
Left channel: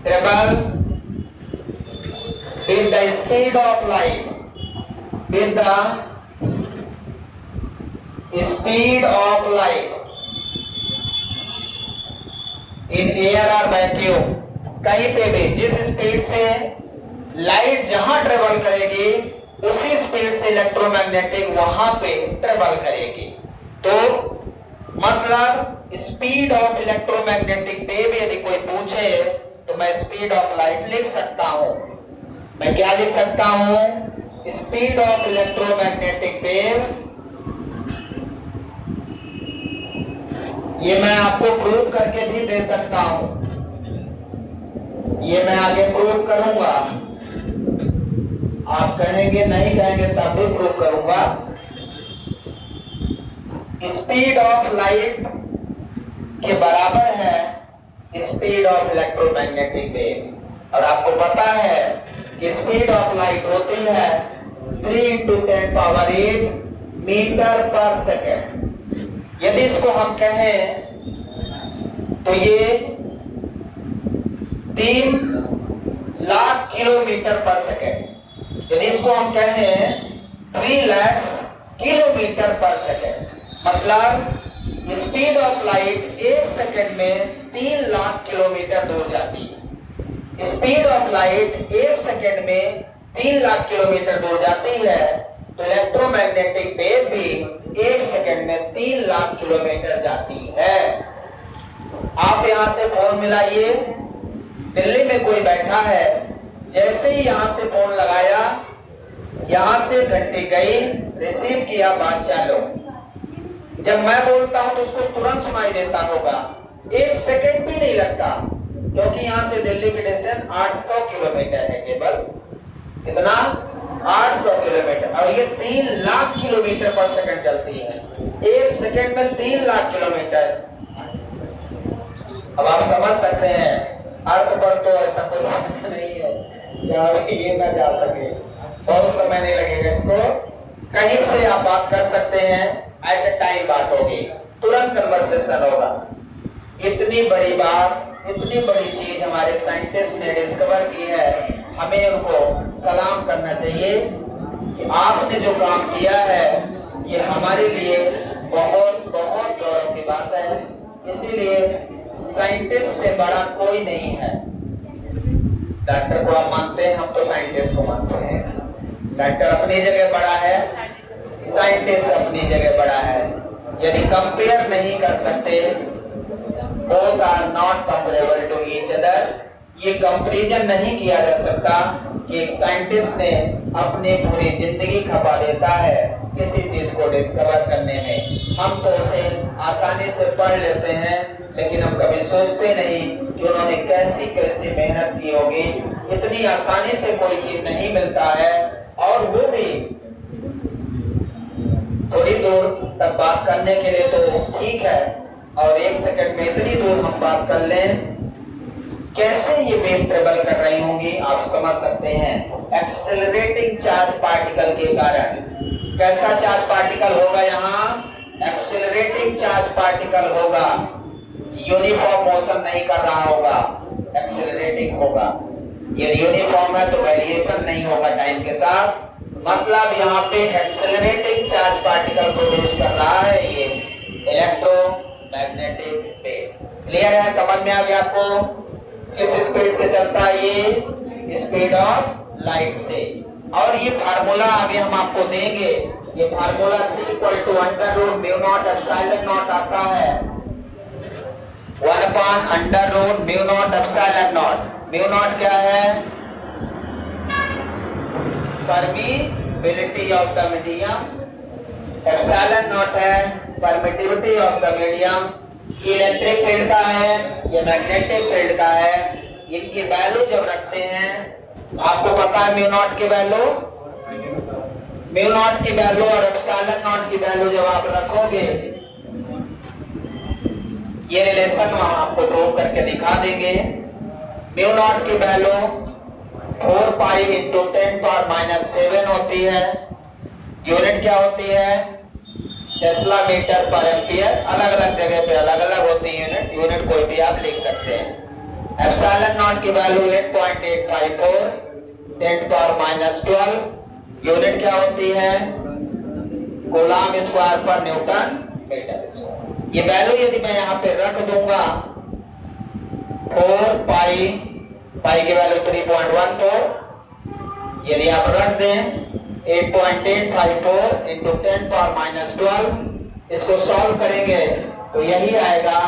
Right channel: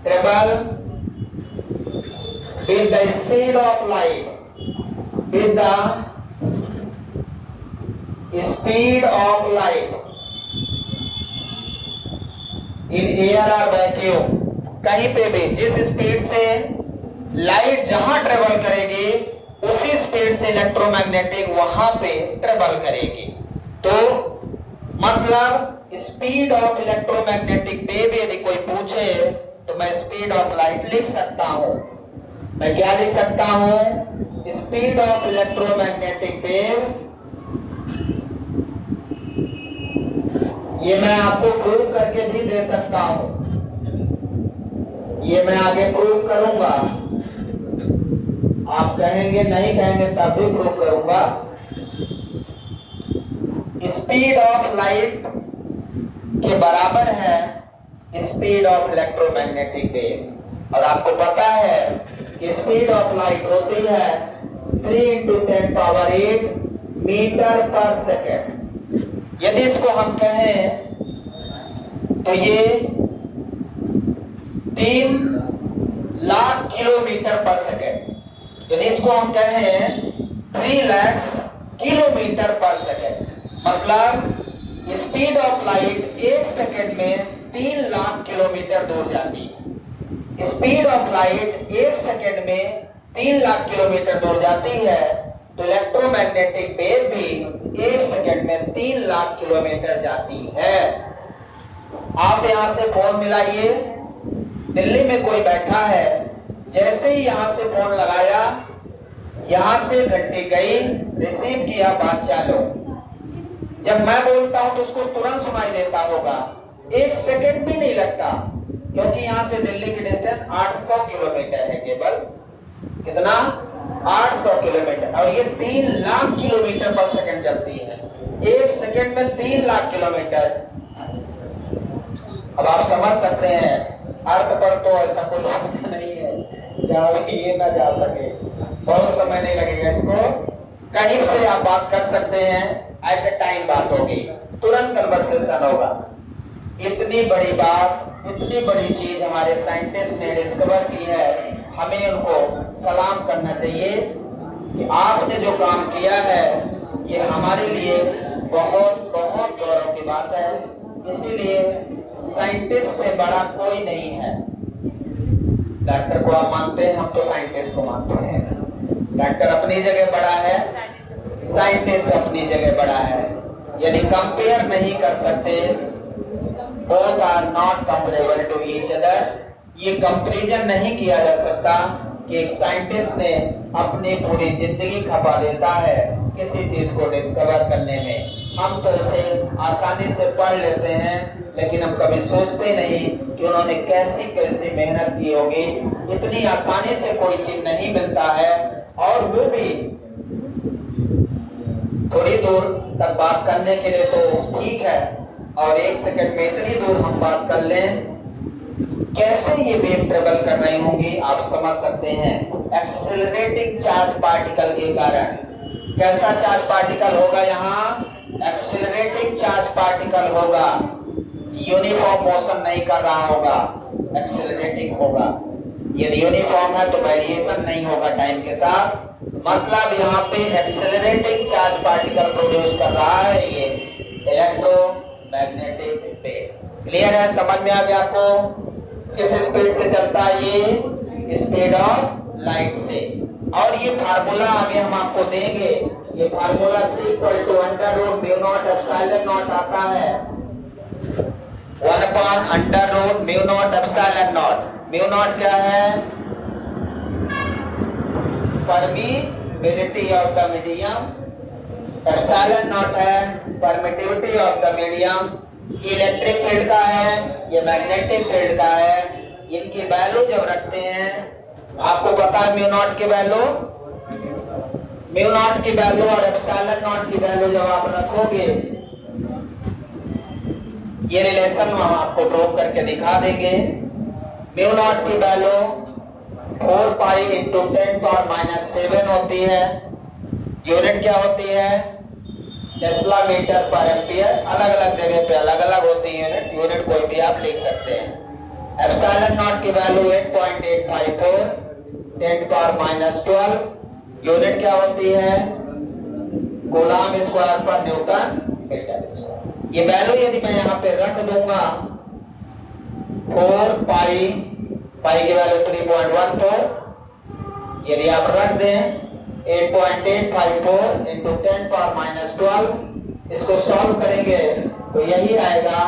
travel with the speed of light, with the speed of light in air or vacuum। कहीं पे भी जिस स्पीड से लाइट जहां travel करेगी उसी स्पीड से इलेक्ट्रोमैग्नेटिक वहां पे ट्रेवल करेगी। तो मतलब स्पीड ऑफ इलेक्ट्रोमैग्नेटिक वेव यदि कोई पूछे तो मैं स्पीड ऑफ लाइट लिख सकता हूं। मैं क्या लिख सकता हूं? Speed of electromagnetic wave. ये मैं आपको प्रूव करके भी दे सकता हूं, ये मैं आगे प्रूव करूंगा। आप कहेंगे नहीं कहेंगे तब भी प्रूव करूंगा। स्पीड ऑफ लाइट के बराबर है स्पीड ऑफ इलेक्ट्रोमैग्नेटिक वेव। और आपको पता है कि स्पीड ऑफ लाइट होती है 3 × 10⁸ मीटर पर सेकेंड। यदि इसको हम कहें तो ये 3 लाख किलोमीटर पर सेकेंड। यदि इसको हम कहें 3 लाख किलोमीटर पर सेकेंड, मतलब स्पीड ऑफ लाइट 1 सेकेंड में 3 लाख किलोमीटर दूर जाती है। स्पीड ऑफ लाइट 1 सेकेंड में 3 लाख किलोमीटर दूर जाती है, तो इलेक्ट्रोमैग्नेटिक वेव भी 1 सेकेंड में 3 लाख किलोमीटर जाती है। आप यहां से फोन मिलाइए, दिल्ली में कोई बैठा है, जैसे ही यहां से फोन लगाया, यहां से घंटी गई, रिसीव किया, बात चालू। जब मैं बोलता हूं तो उसको तुरंत सुनाई देता होगा, 1 सेकेंड भी नहीं लगता, क्योंकि यहां से दिल्ली की डिस्टेंस 800 किलोमीटर है केवल। कितना? 800 किलोमीटर। और ये 3 लाख किलोमीटर पर सेकंड चलती है। 1 सेकेंड में 3 लाख किलोमीटर। अब आप समझ सकते हैं, अर्थ पर तो ऐसा कोई नहीं है जहां ये ना जा सके। बहुत समय नहीं लगेगा इसको, कहीं से आप बात कर सकते हैं, एट द टाइम बात होगी, तुरंत कन्वर्सेशन होगा। इतनी बड़ी बात, इतनी बड़ी चीज हमारे साइंटिस्ट ने डिस्कवर की है, हमें उनको सलाम करना चाहिए कि आपने जो काम किया है ये हमारे लिए बहुत बहुत गौरव की बात है। इसीलिए साइंटिस्ट से बड़ा कोई नहीं है। डॉक्टर को आप मानते हैं, हम तो साइंटिस्ट को मानते हैं। डॉक्टर अपनी जगह बड़ा है, साइंटिस्ट अपनी जगह बड़ा है। यदि कंपेयर नहीं कर सकते, both are not comparable to each other, ये कंपैरिजन नहीं किया जा सकता कि एक साइंटिस्ट ने अपनी पूरी जिंदगी खपा देता है किसी चीज को डिस्कवर करने में। हम तो उसे आसानी से पढ़ लेते हैं, लेकिन हम कभी सोचते नहीं कि उन्होंने कैसी कैसी मेहनत की होगी। इतनी आसानी से कोई चीज नहीं मिलता है, और वो भी थोड़ी दूर तक बात करने के लिए तो ठीक है, और 1 सेकंड में इतनी दूर हम बात कर लें, कैसे ये वेव ट्रेवल कर रही होंगी आप समझ सकते हैं। एक्सेलरेटिंग चार्ज पार्टिकल के कारण। कैसा चार्ज पार्टिकल होगा? यहाँ एक्सेलरेटिंग चार्ज पार्टिकल होगा, यूनिफॉर्म मोशन नहीं कर रहा होगा, एक्सेलरेटिंग होगा। यदि यूनिफॉर्म है तो वेरिएशन नहीं होगा टाइम के साथ, मतलब यहाँ पे एक्सेलरेटिंग चार्ज पार्टिकल प्रोड्यूस कर रहा है ये इलेक्ट्रोमैग्नेटिक वेव। क्लियर है? समझ में आ गया आपको? किस स्पीड से चलता है? ये स्पीड ऑफ लाइट से। और ये फार्मूला आगे हम आपको देंगे, ये formula C equal to under root mu naught epsilon naught आता है, 1 upon under root mu naught epsilon naught. Mu naught क्या है? Permeability of the medium, epsilon naught है permittivity of the medium. Electric field का है, ये magnetic field का है। इनकी वैल्यू जब रखते हैं, आपको पता है म्यू नॉट की वैल्यू, म्यू नॉट की वैल्यू और एप्सिलॉन नॉट की वैल्यू जब आप रखोगे, ये रिलेशन हम आपको प्रूव करके दिखा देंगे। म्यू नॉट की वैल्यू 4 पाई इंटू 10⁻⁷ होती है। यूनिट क्या होती है? टेस्ला मीटर पर एम्पियर। अलग अलग जगह पे अलग अलग होती है यूनिट, यूनिट कोई भी आप लिख सकते हैं। एप्सिलॉन नॉट की वैल्यू 8.854 10⁻12। यूनिट क्या होती है? कूलम स्क्वायर पर न्यूटन मीटर स्क्वायर। ये वैल्यू यदि मैं यहाँ पे रख दूंगा 4 पाई, पाई की वैल्यू 3.14, यदि आप रख दें 8.854 इंटू 10⁻12, इसको सॉल्व करेंगे तो यही आएगा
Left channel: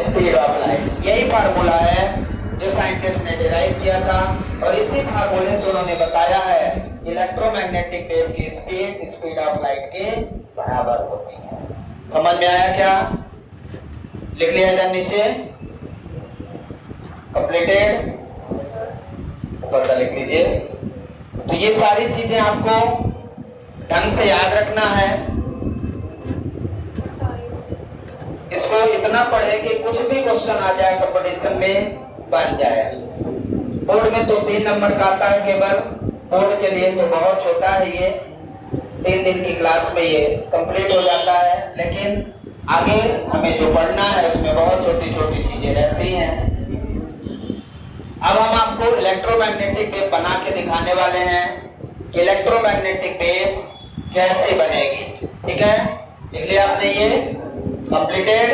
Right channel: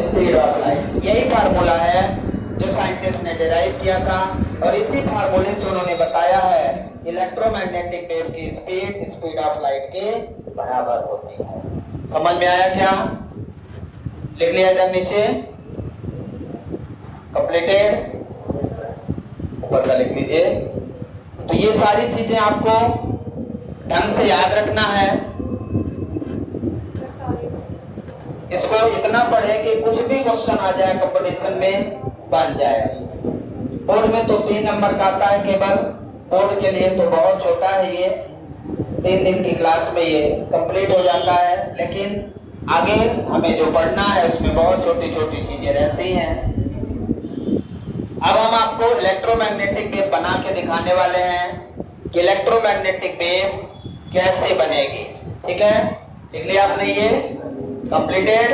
स्पीड ऑफ लाइट। यही फार्मूला है जो साइंटिस्ट ने डिराइव किया था, और इसी फार्मूले से उन्होंने बताया है इलेक्ट्रोमैग्नेटिक वेव की स्पीड स्पीड ऑफ लाइट के बराबर होती है। समझ में आया क्या? लिख लिया इधर नीचे, कंप्लीटेड, ऊपर का लिख लीजिए। तो ये सारी चीजें आपको ढंग से याद रखना है। इसको इतना पढ़े कि कुछ भी क्वेश्चन आ जाए कंपटीशन में बन जाए। बोर्ड में तो 3 नंबर का आता है केवल, बोर्ड के लिए तो बहुत छोटा है, ये 3 दिन की क्लास में ये कंप्लीट हो जाता है। लेकिन आगे हमें जो पढ़ना है उसमें बहुत छोटी छोटी चीजें रहती हैं। अब हम आपको इलेक्ट्रोमैग्नेटिक वेव बना के दिखाने वाले हैं कि इलेक्ट्रोमैग्नेटिक वेव कैसे बनेगी। ठीक है, लिख लिया आपने, ये कंप्लीटेड,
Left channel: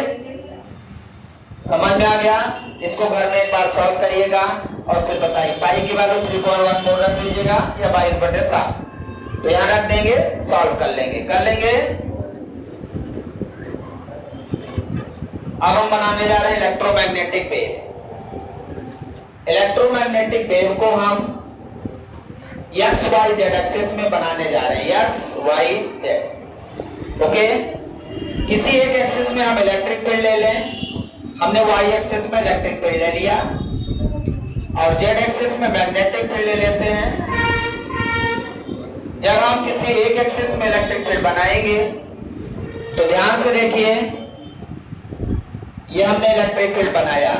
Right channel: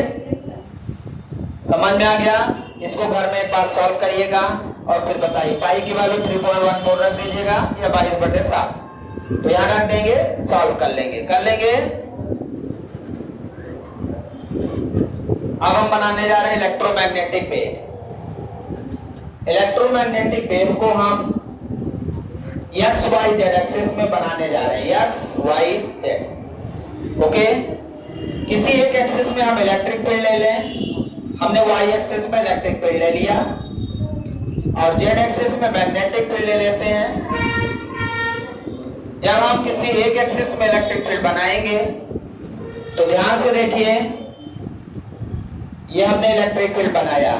समझ में आ गया। इसको घर में एक बार सॉल्व करिएगा और फिर बताइए। पाई की वैल्यू 3.14 रख दीजिएगा या 22/7, तो यहाँ रख देंगे, सॉल्व कर लेंगे। अब हम बनाने जा रहे हैं इलेक्ट्रोमैग्नेटिक वेव। इलेक्ट्रोमैग्नेटिक वेव को हम एक्स वाई जेड एक्सिस में बनाने जा रहे हैं, एक्स वाई जेड। ओके, किसी एक एक्सिस में हम इलेक्ट्रिक फील्ड ले लें। हमने वाई एक्सिस में इलेक्ट्रिक फील्ड ले लिया और जेड एक्सिस में मैग्नेटिक फील्ड ले लेते हैं। जब हम किसी एक एक्सिस में इलेक्ट्रिक फील्ड बनाएंगे तो ध्यान से देखिए, ये हमने इलेक्ट्रिक फील्ड बनाया।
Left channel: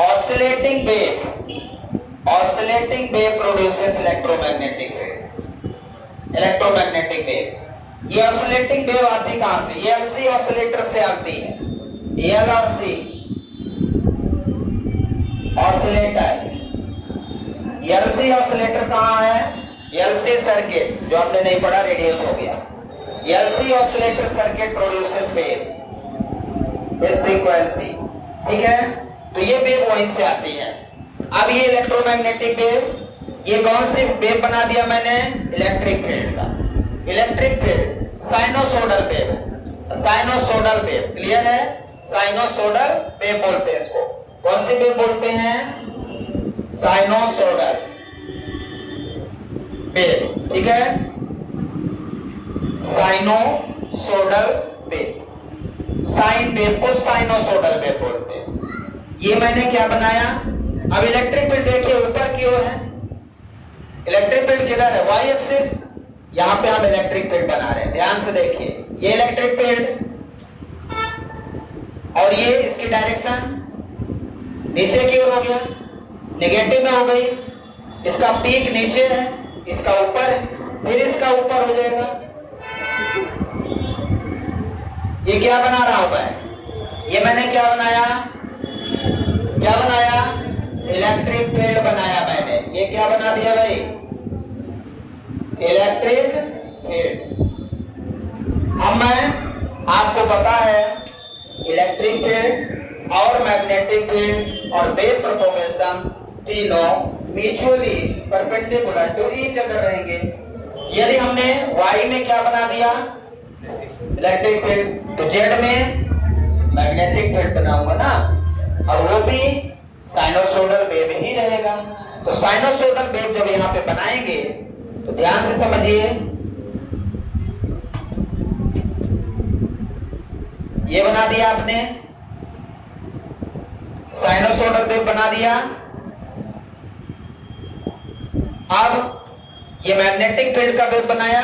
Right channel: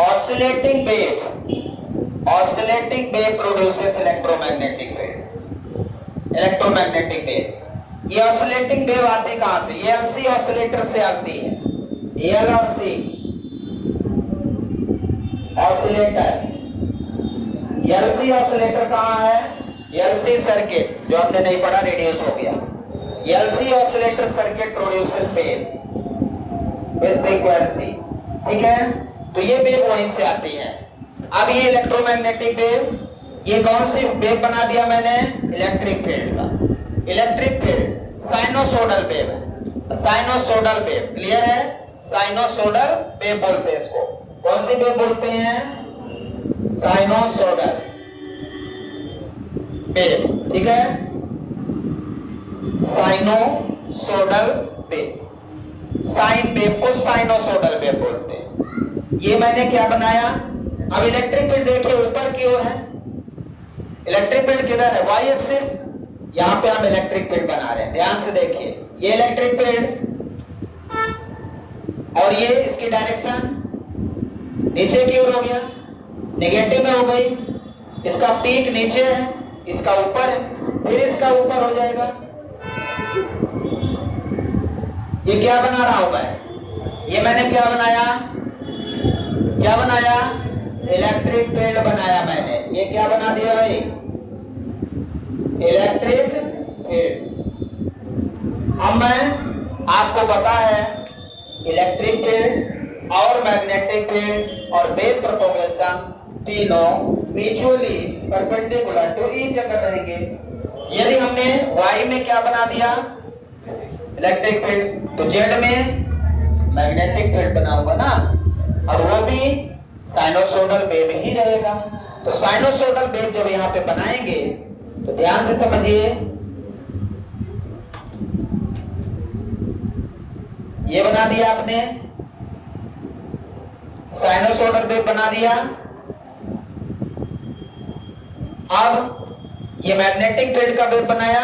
Oscillating wave produces electromagnetic wave. Electromagnetic wave, ये ऑसिलेटिंग वेव आती कहां से? ये एलसी ऑसिलेटर से आती है। एल और सी ऑसिलेटर। एलसी ऑसिलेटर कहां है? एलसी सर्किट, जो हमने नहीं पढ़ा, रिड्यूस हो गया। LC oscillator circuit produces wave with frequency. ठीक है, तो ये वेव वहीं से आती है। अब ये इलेक्ट्रोमैग्नेटिक वेव, ये कौन सी वेव बना दिया मैंने? इलेक्ट्रिक फील्ड का। इलेक्ट्रिक फील्ड साइनोसोडल वेव है, साइनोसोडल वेव, क्लियर है? साइनोसोडल वेव बोलते हैं इसको। कौन सी वेव बोलते हैं? Sinusoidal wave. ठीक है, साइनोसोडल वेव, साइन वेव को साइनोसोडल वेव बोलते हैं। ये मैंने क्या बनाया? अब इलेक्ट्रिक फील्ड देखिए ऊपर की ओर है। इलेक्ट्रिक फील्ड किधर है? Y axis. यहां पे हम इलेक्ट्रिक फील्ड बना रहे हैं, ध्यान से देखिए। ये इलेक्ट्रिक फील्ड और ये इसकी डायरेक्शन नीचे की ओर हो गया, नेगेटिव में हो गई। इसका पीक नीचे है, इसका ऊपर है, फिर इसका ऊपर हो जाएगा। ये क्या बना रहा हूं मैं? ये मैंने क्या बनाया? क्या बनाया? इलेक्ट्रिक फील्ड बनाया मैंने। ये क्या बना दिया भाई? Electric field. अब मैं, आपको पता है इलेक्ट्रिक फील्ड और मैग्नेटिक फील्ड और वेव प्रोपगेशन तीनों mutually perpendicular to each other रहेंगे। यदि हमने y में क्या बना दिया, इलेक्ट्रिक फील्ड, तो z में मैग्नेटिक फील्ड बनाऊंगा ना, और वो भी साइनोसोइडल वेव ही रहेगा। तो साइनोसोइडल वेव जब यहाँ पे बनाएंगे तो ध्यान से समझिए, ये बना दिया आपने, साइनोसोइडल वेव बना दिया। अब ये मैग्नेटिक फील्ड का वेव बनाया।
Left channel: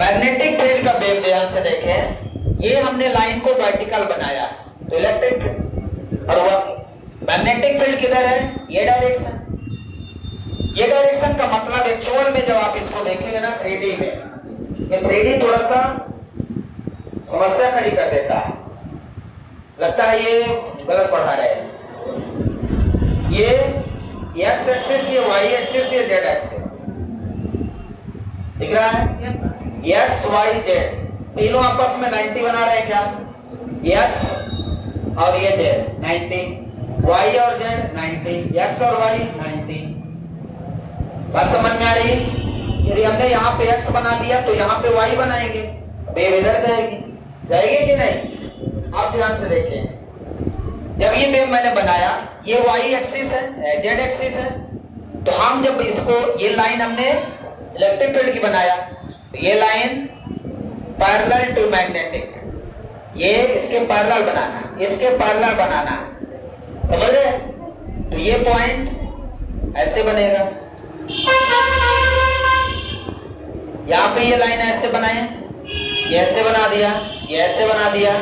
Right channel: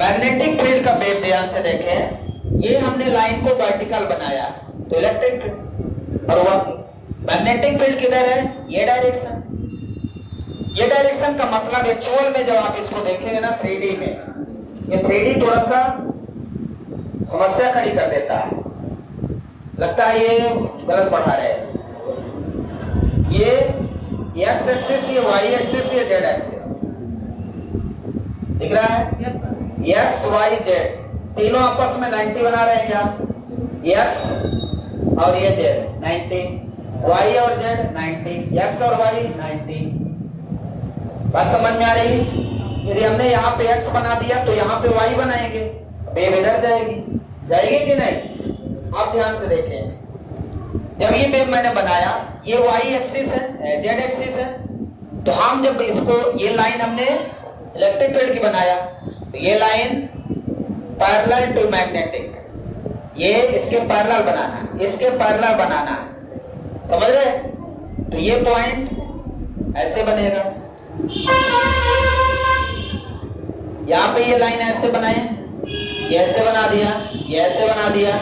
मैग्नेटिक फील्ड का वेव ध्यान से देखें, ये हमने लाइन को वर्टिकल बनाया, तो इलेक्ट्रिक फील्ड, और वह मैग्नेटिक फील्ड किधर है, ये डायरेक्शन। ये डायरेक्शन का मतलब एक्चुअल में जब आप इसको देखेंगे ना 3D में, ये 3D थोड़ा सा समस्या खड़ी कर देता है, लगता है ये गलत पढ़ा रहे हैं। ये एक्स एक्सिस, ये वाई एक्सिस, ये जेड एक्सिस दिख रहा है, एक्स वाई जेड तीनों आपस में 90 बना रहे हैं क्या, एक्स और ये जेड 90, वाई और जेड 90, एक्स और वाई 90। बात समझ में आ रही? यदि हमने यहाँ पे एक्स बना दिया तो यहाँ पे वाई बनाएंगे, वेव इधर जाएगी, जाएगी कि नहीं? आप ध्यान से देखें, जब ये वेव मैंने बनाया, ये वाई एक्सिस है, जेड एक्सिस है, तो हम जब इसको, ये लाइन हमने इलेक्ट्रिक फील्ड की बनाया, तो ये लाइन पैरेलल टू मैग्नेटिक, ये इसके पैरेलल बनाना, इसके पैरेलल बनाना, समझ रहे? तो ये पॉइंट ऐसे बनेगा, यहां पे ये लाइन ऐसे बनाए, ये ऐसे बना दिया, ये ऐसे बना दिया,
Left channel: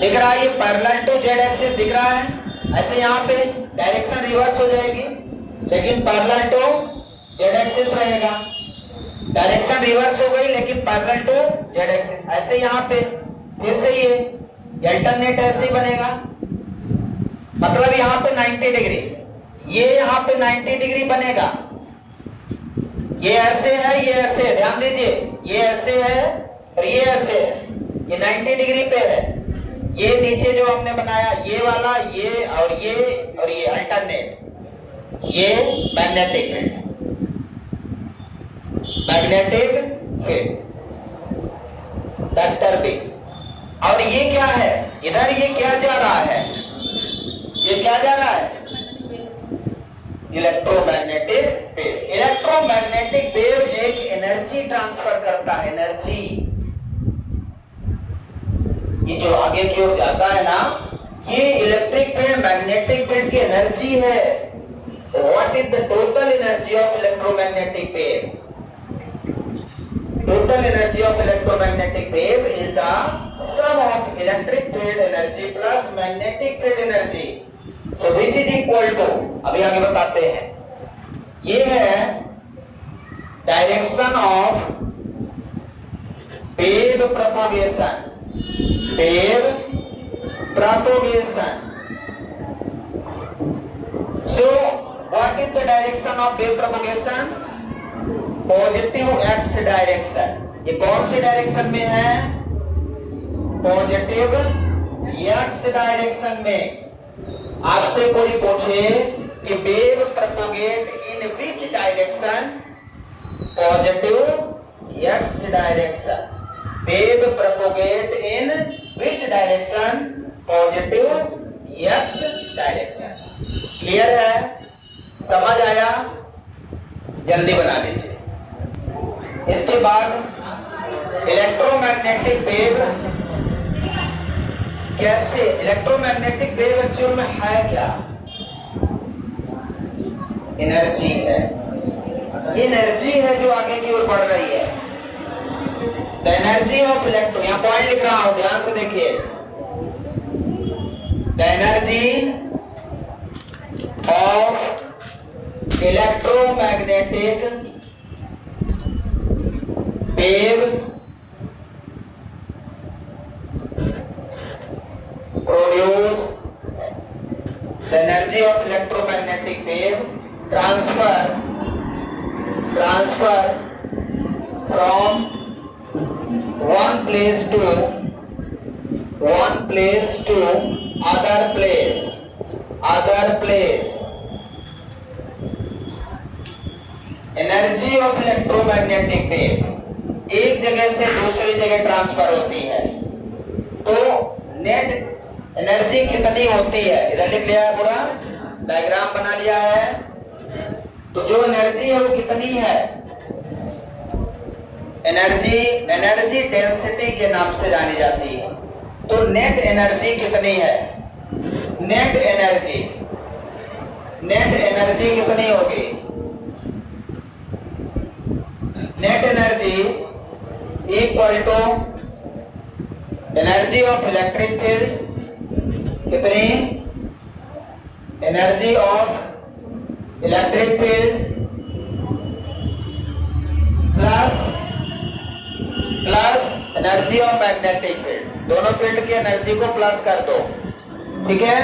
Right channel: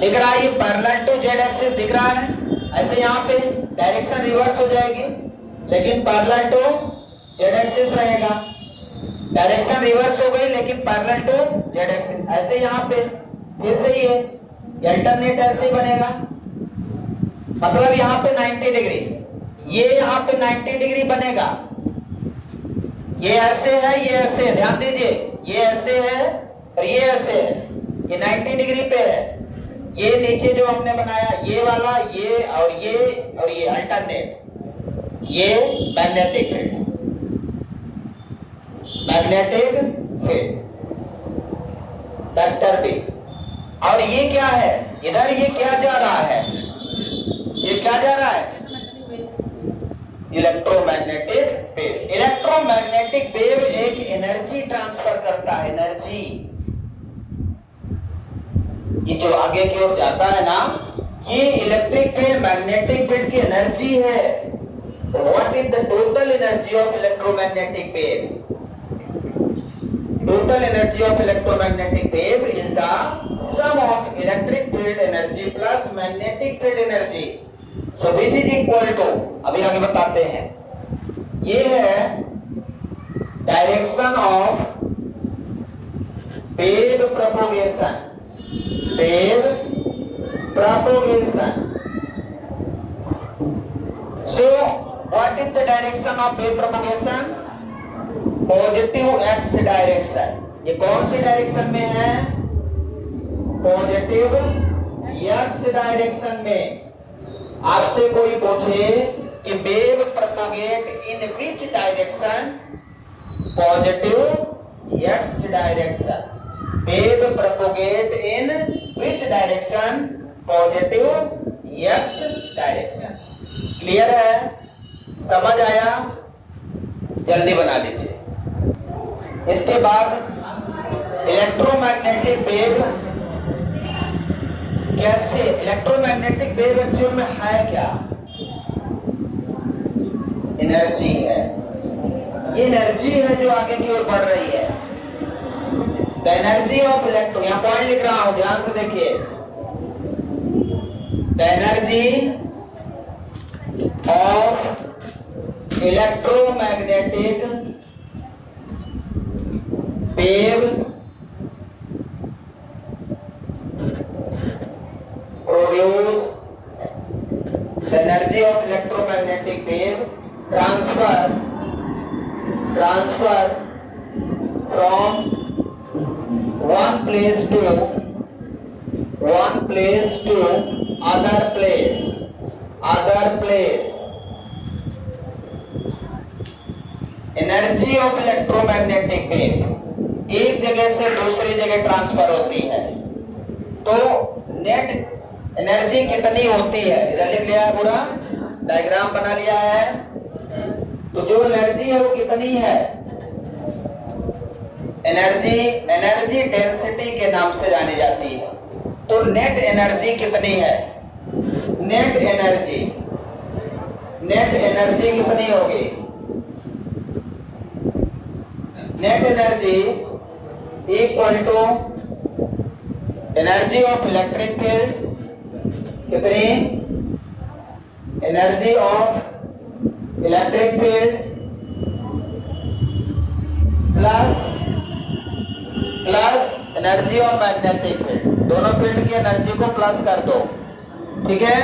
दिख रहा है? ये पैरेलल टू जेड एक्सिस दिख रहा है। ऐसे यहाँ पे डायरेक्शन रिवर्स हो जाएगी, लेकिन पैरेलल टू जेड एक्सिस रहेगा। डायरेक्शन रिवर्स हो गई लेकिन पैरेलल टू जेड एक्सिस। ऐसे यहाँ पे फिर से ये अल्टरनेट ऐसे ही बनेगा, मतलब यहाँ पे 90 डिग्री, ये यहाँ पे 90 डिग्री बनेगा। ये ऐसे है, ये ऐसे है, ध्यान दीजिए, ये ऐसे है और ये ऐसे है, ये 90 डिग्री पे है। ये नीचे जो हमने बनाया, ये वाला, ये और ये अल्टरनेट, ये magnetic field, magnetic field vector B. और ये क्या है, इधर ये क्या जा रहा है, ये क्या जा रहा है, इलेक्ट्रोमैग्नेटिक वेव। इलेक्ट्रोमैग्नेटिक वेव एक एनर्जी ट्रांसफर करता है, एनर्जी। ये जो आगे की ओर जाता है ना, ये इलेक्ट्रिक फील्ड मैग्नेटिक फील्ड की एनर्जी है। What is the total energy of electromagnetic wave? Total energy of electromagnetic wave is the sum of electric field energy plus magnetic field energy. So which is equal to, अभी आगे बताते हैं, ये है direction of wave propagation, wave propagation. So what is the direction of wave propagation? Positive X direction. ये कौन सी direction में है? पॉजिटिव एक्स डायरेक्शन में. आपसे कोई पूछे कि wave propagate in which direction? Positive X direction. Wave propagate in which direction? Positive X direction. Clear है? समझ आया? जल्दी बना लीजिए. इसके बाद इलेक्ट्रोमैग्नेटिक वेव कैसे, इलेक्ट्रोमैग्नेटिक वेव एक्चुअल में है क्या? एनर्जी है. ये एनर्जी है जो आगे की ओर बढ़ रही है. द एनर्जी ऑफ इलेक्ट्रो, यहां पॉइंट लिख रहा हूं, ध्यान से देखिए. The energy of electromagnetic wave produce, the energy of electromagnetic wave transfer from one place to one place to other place, other place. Energy of electromagnetic wave एक जगह से दूसरी जगह ट्रांसफर होती है, तो नेट एनर्जी कितनी होती है, इधर लिख लिया है, पूरा डायग्राम बना लिया है। तो जो एनर्जी है वो कितनी है, एनर्जी डेंसिटी के नाम से जानी जाती है। तो नेट एनर्जी कितनी है, नेट एनर्जी कितनी होगी, net energy equal to energy of electric field, कितनी, energy of electric field plus energy of magnetic field, दोनों फील्ड की एनर्जी को प्लस कर दो, ठीक है।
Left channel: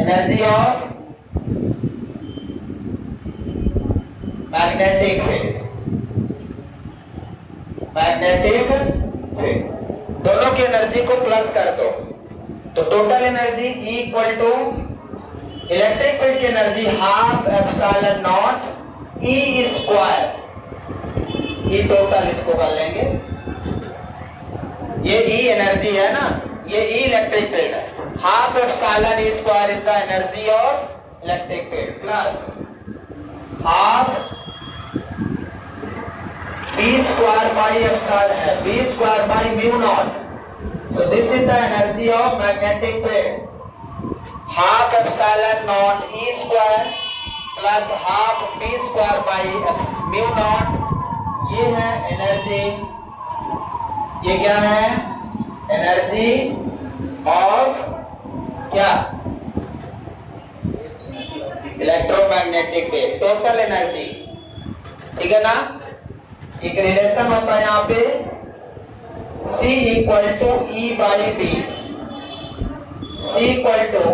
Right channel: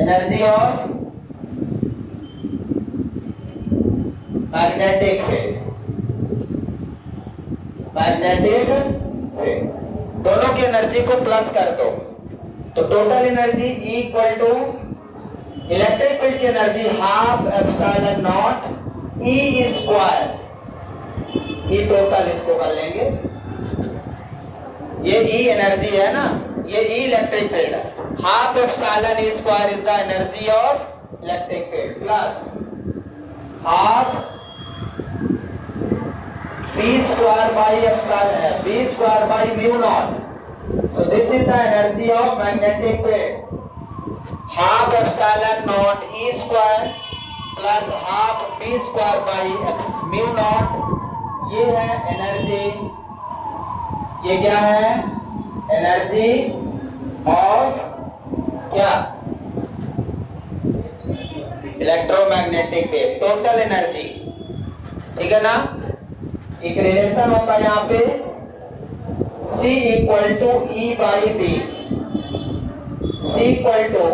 एनर्जी ऑफ मैग्नेटिक फील्ड, दोनों की एनर्जी को प्लस कर दो, तो total energy equal to electric field की energy half epsilon naught E square, ये टोटल इसको कर लेंगे, ये ई एनर्जी है ना, ये ई इलेक्ट्रिक फील्ड है, half epsilon E square is the energy of electric field plus half b square by epsilon है, b square by mu naught, so this is the energy of magnetic field, half epsilon naught e square plus half b square by mu naught, ये है energy, ये क्या है, energy of क्या, electromagnetic wave, total energy, ठीक है ना। एक रिलेशन होता है यहाँ पे C equal to E by B, C equal to